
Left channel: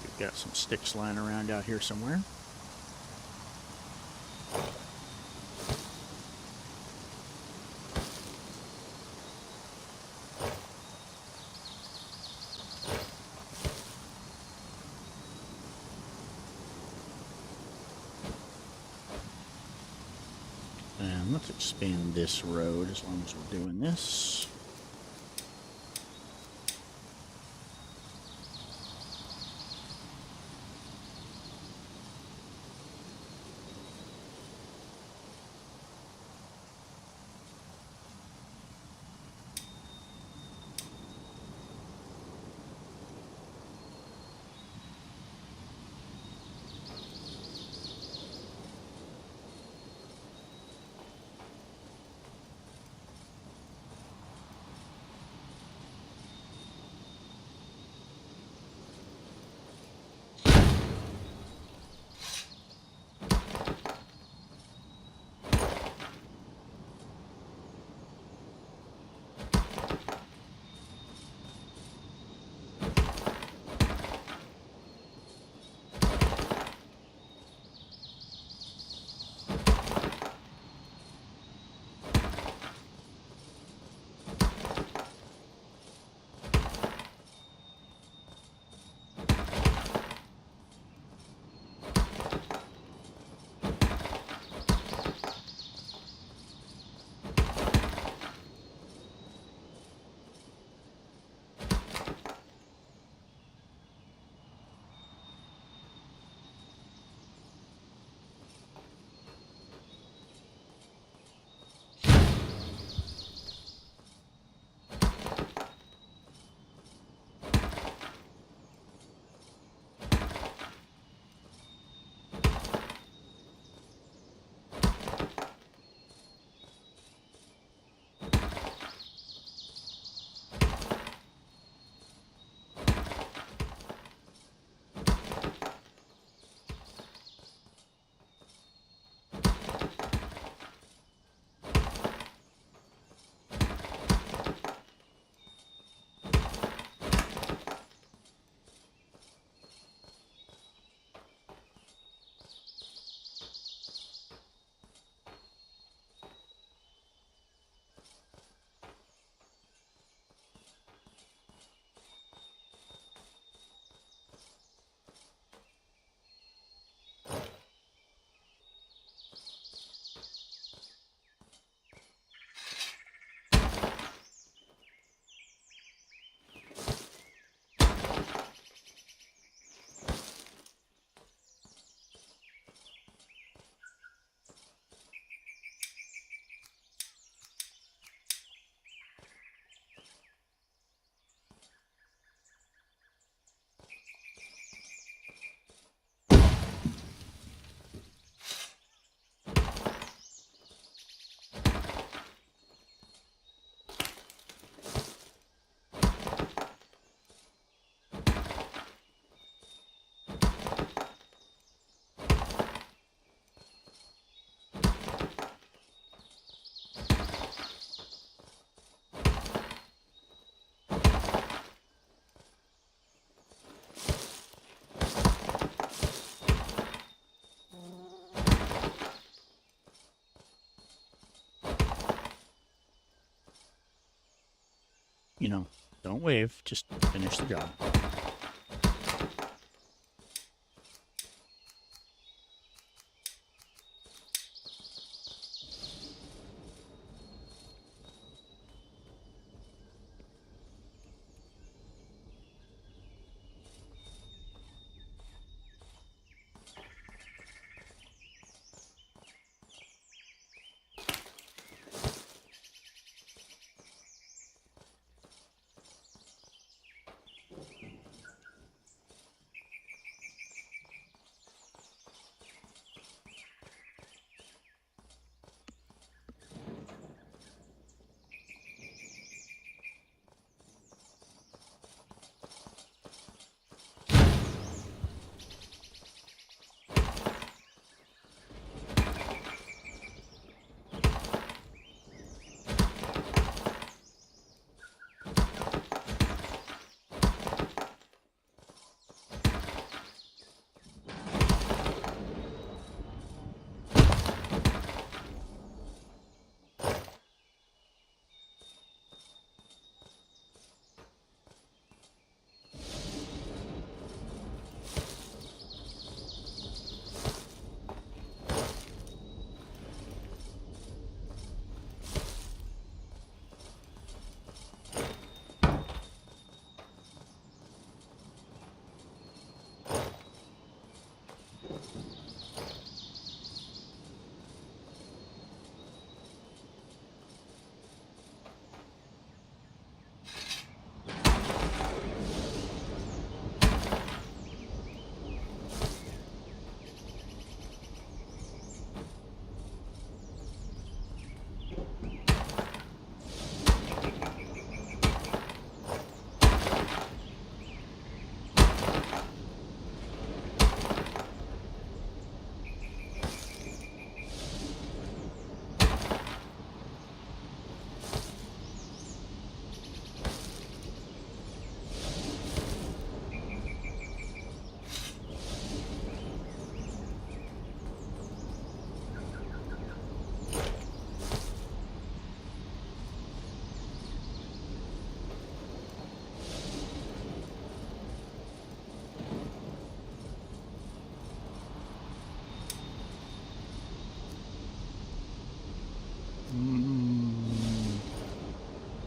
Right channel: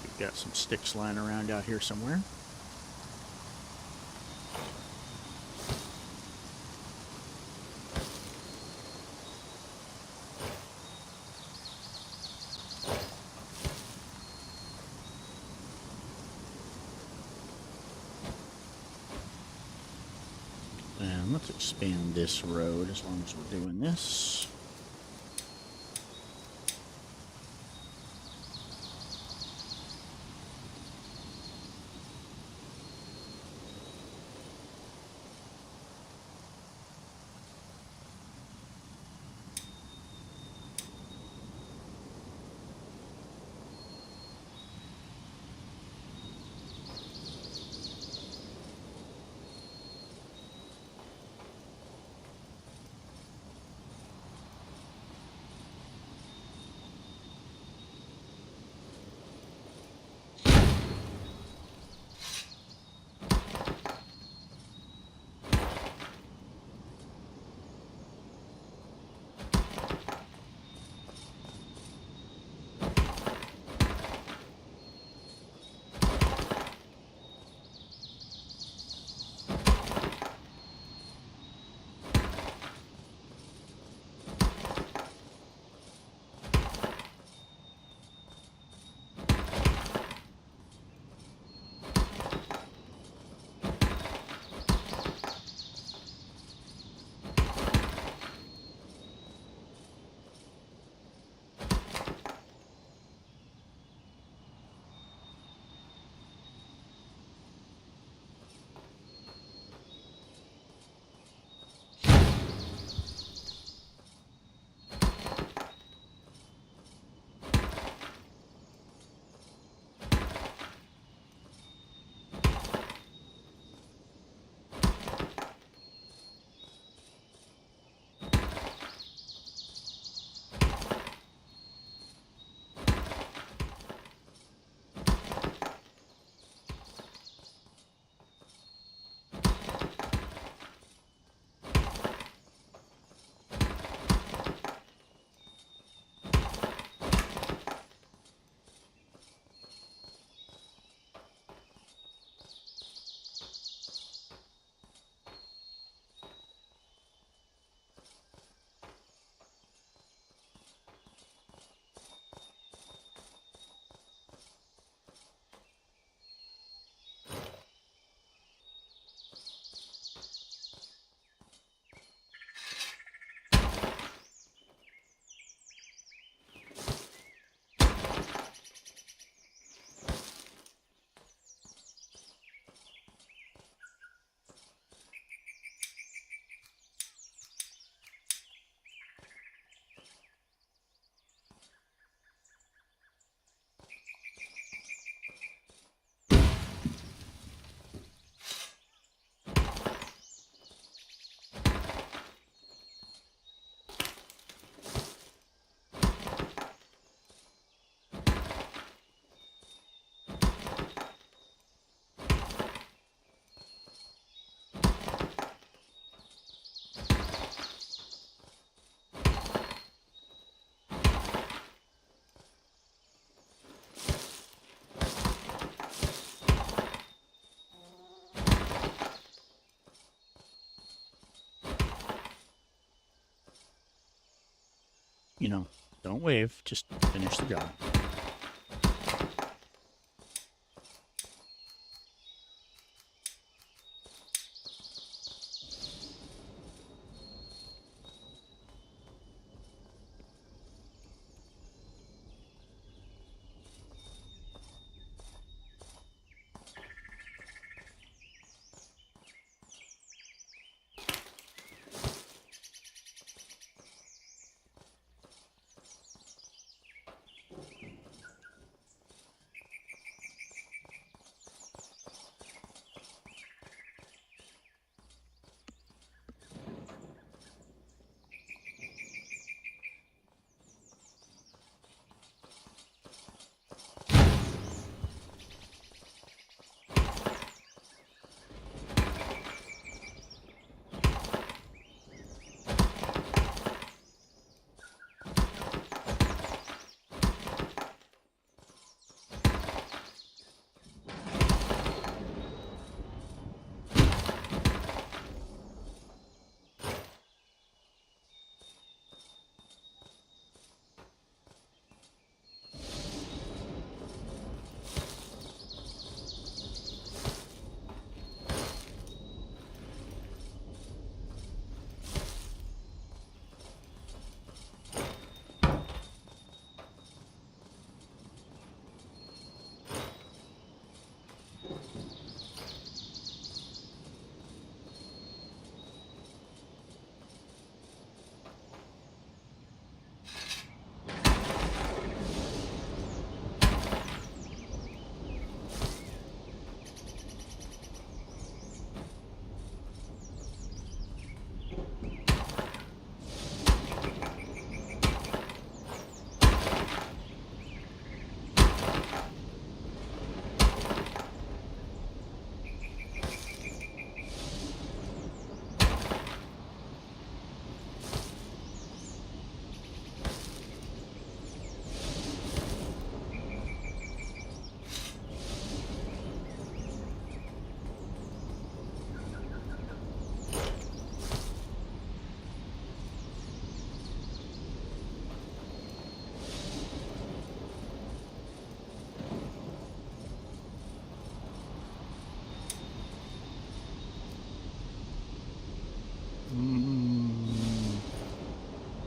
We've got some sticks lying around out here somewhere. And let's expand this road as long as we're doing this. you know, don't wave, just finish the job.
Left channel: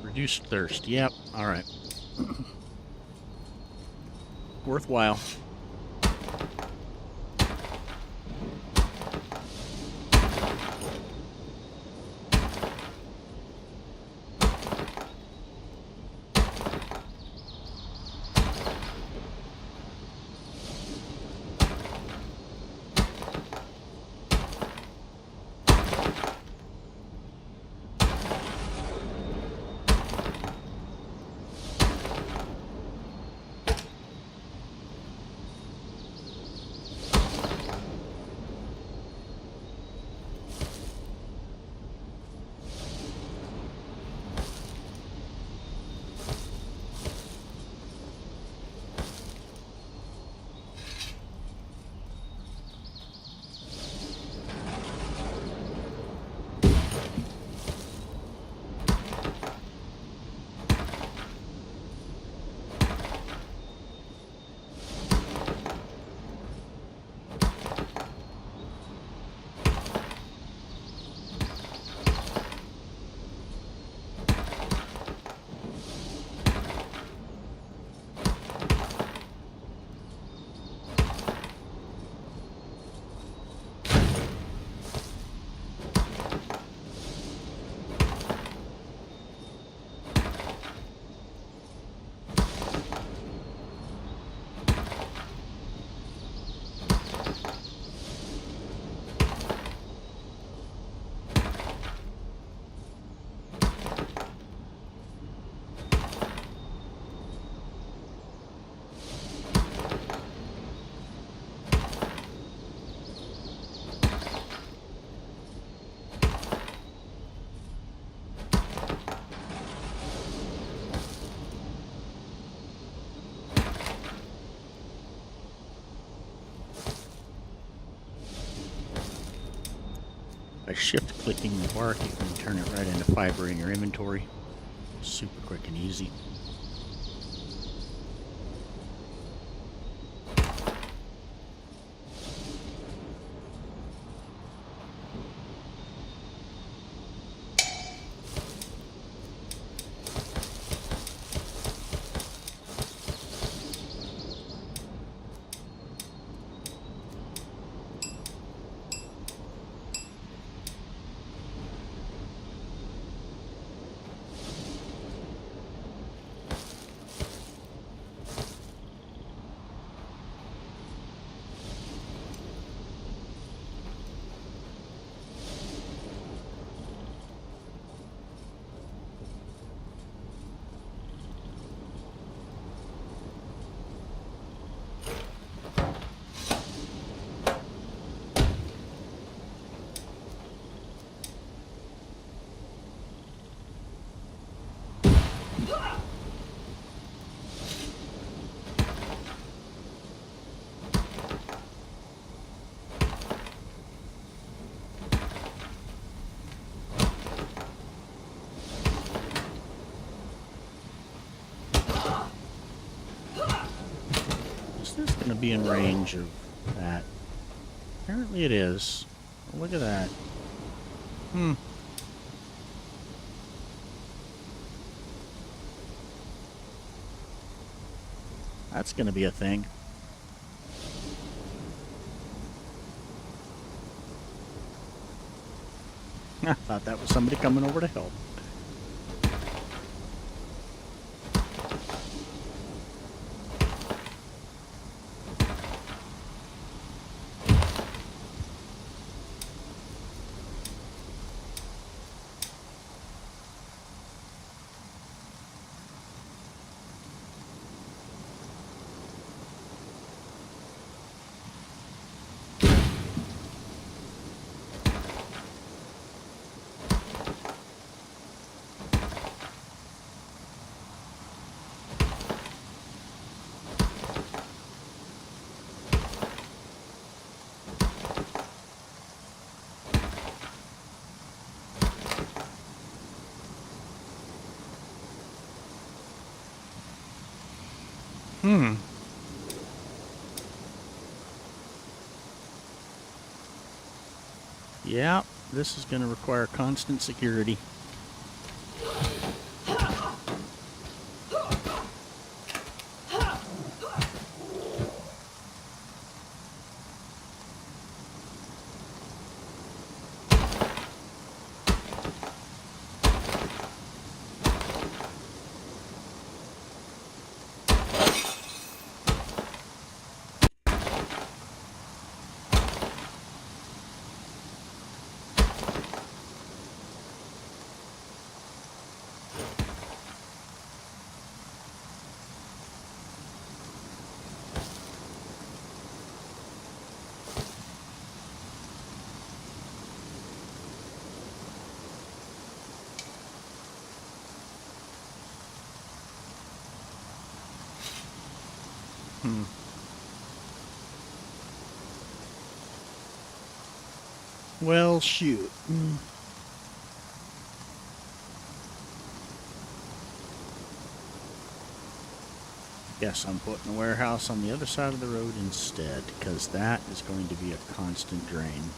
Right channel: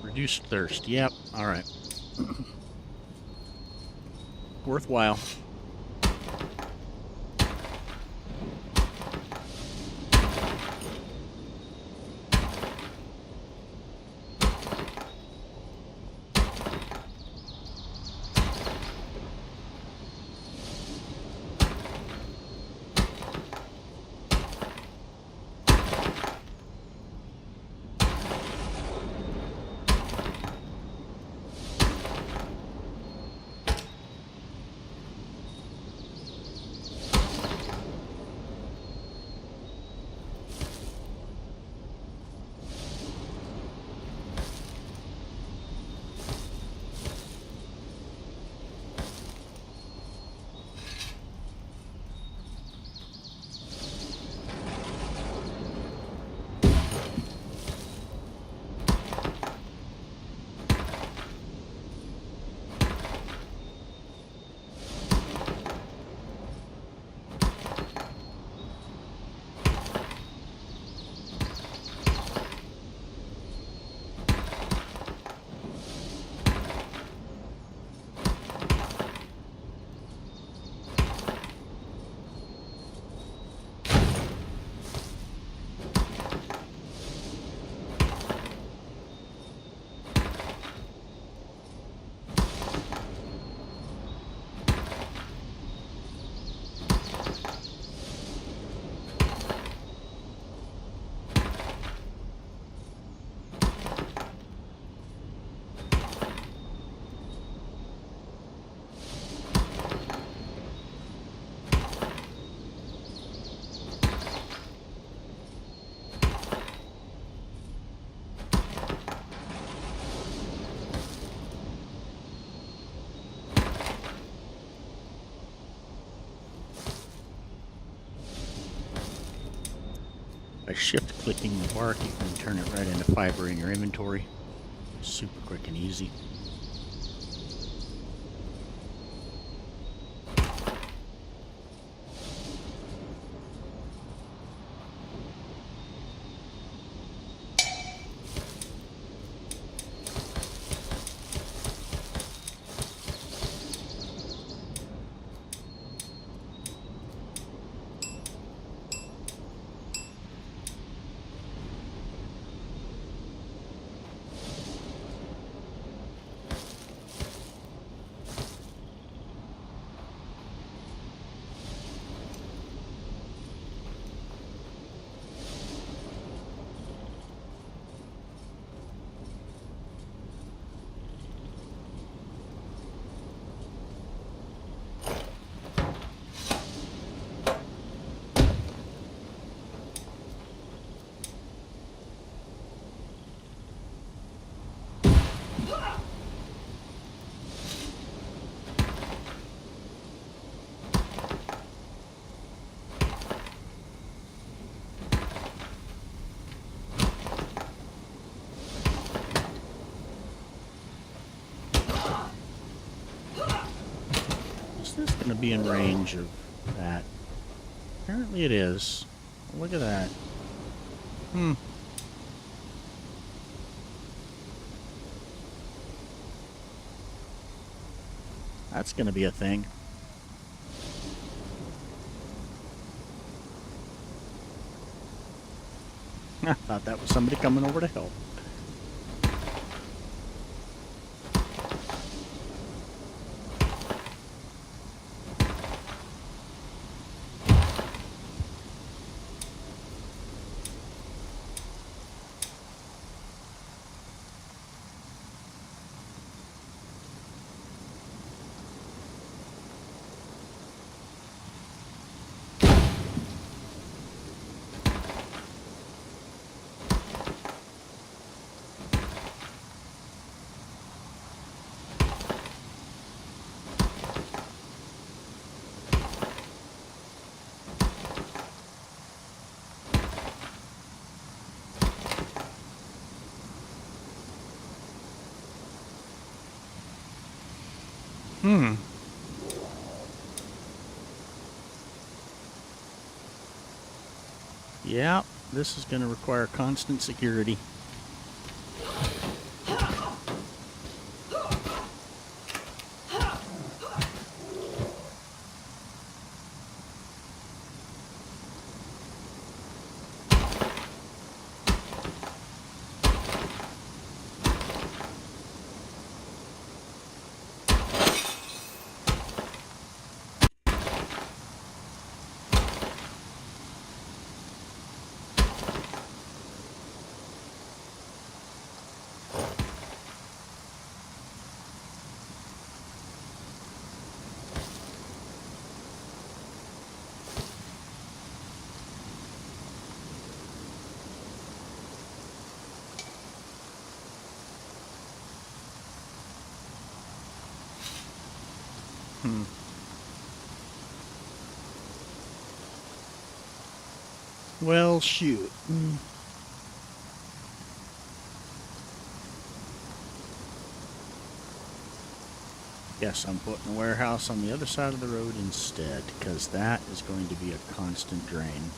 Reduced thirst. Yep. All right. Worthwhile. By shift clicking the bark, you can turn it right into fiber in your inventory. Super quick and easy. Is this going to be in range of that? Apparently it is. Well, look at that. That's going to be a thing. I thought that was somebody coming over to help. Yeah, this is going to require constant security. Well, shoot. Yes, I'm putting a warehouse on the other side of the road instead, because that is going to be a constant drain.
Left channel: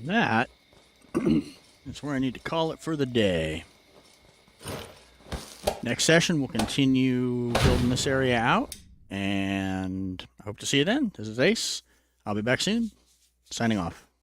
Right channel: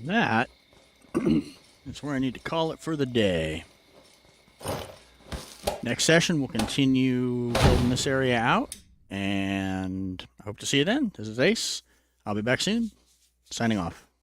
And that is where I need to call it for the day. Next session, we'll continue building this area out, and I hope to see you then. This is Ace. I'll be back soon. Signing off.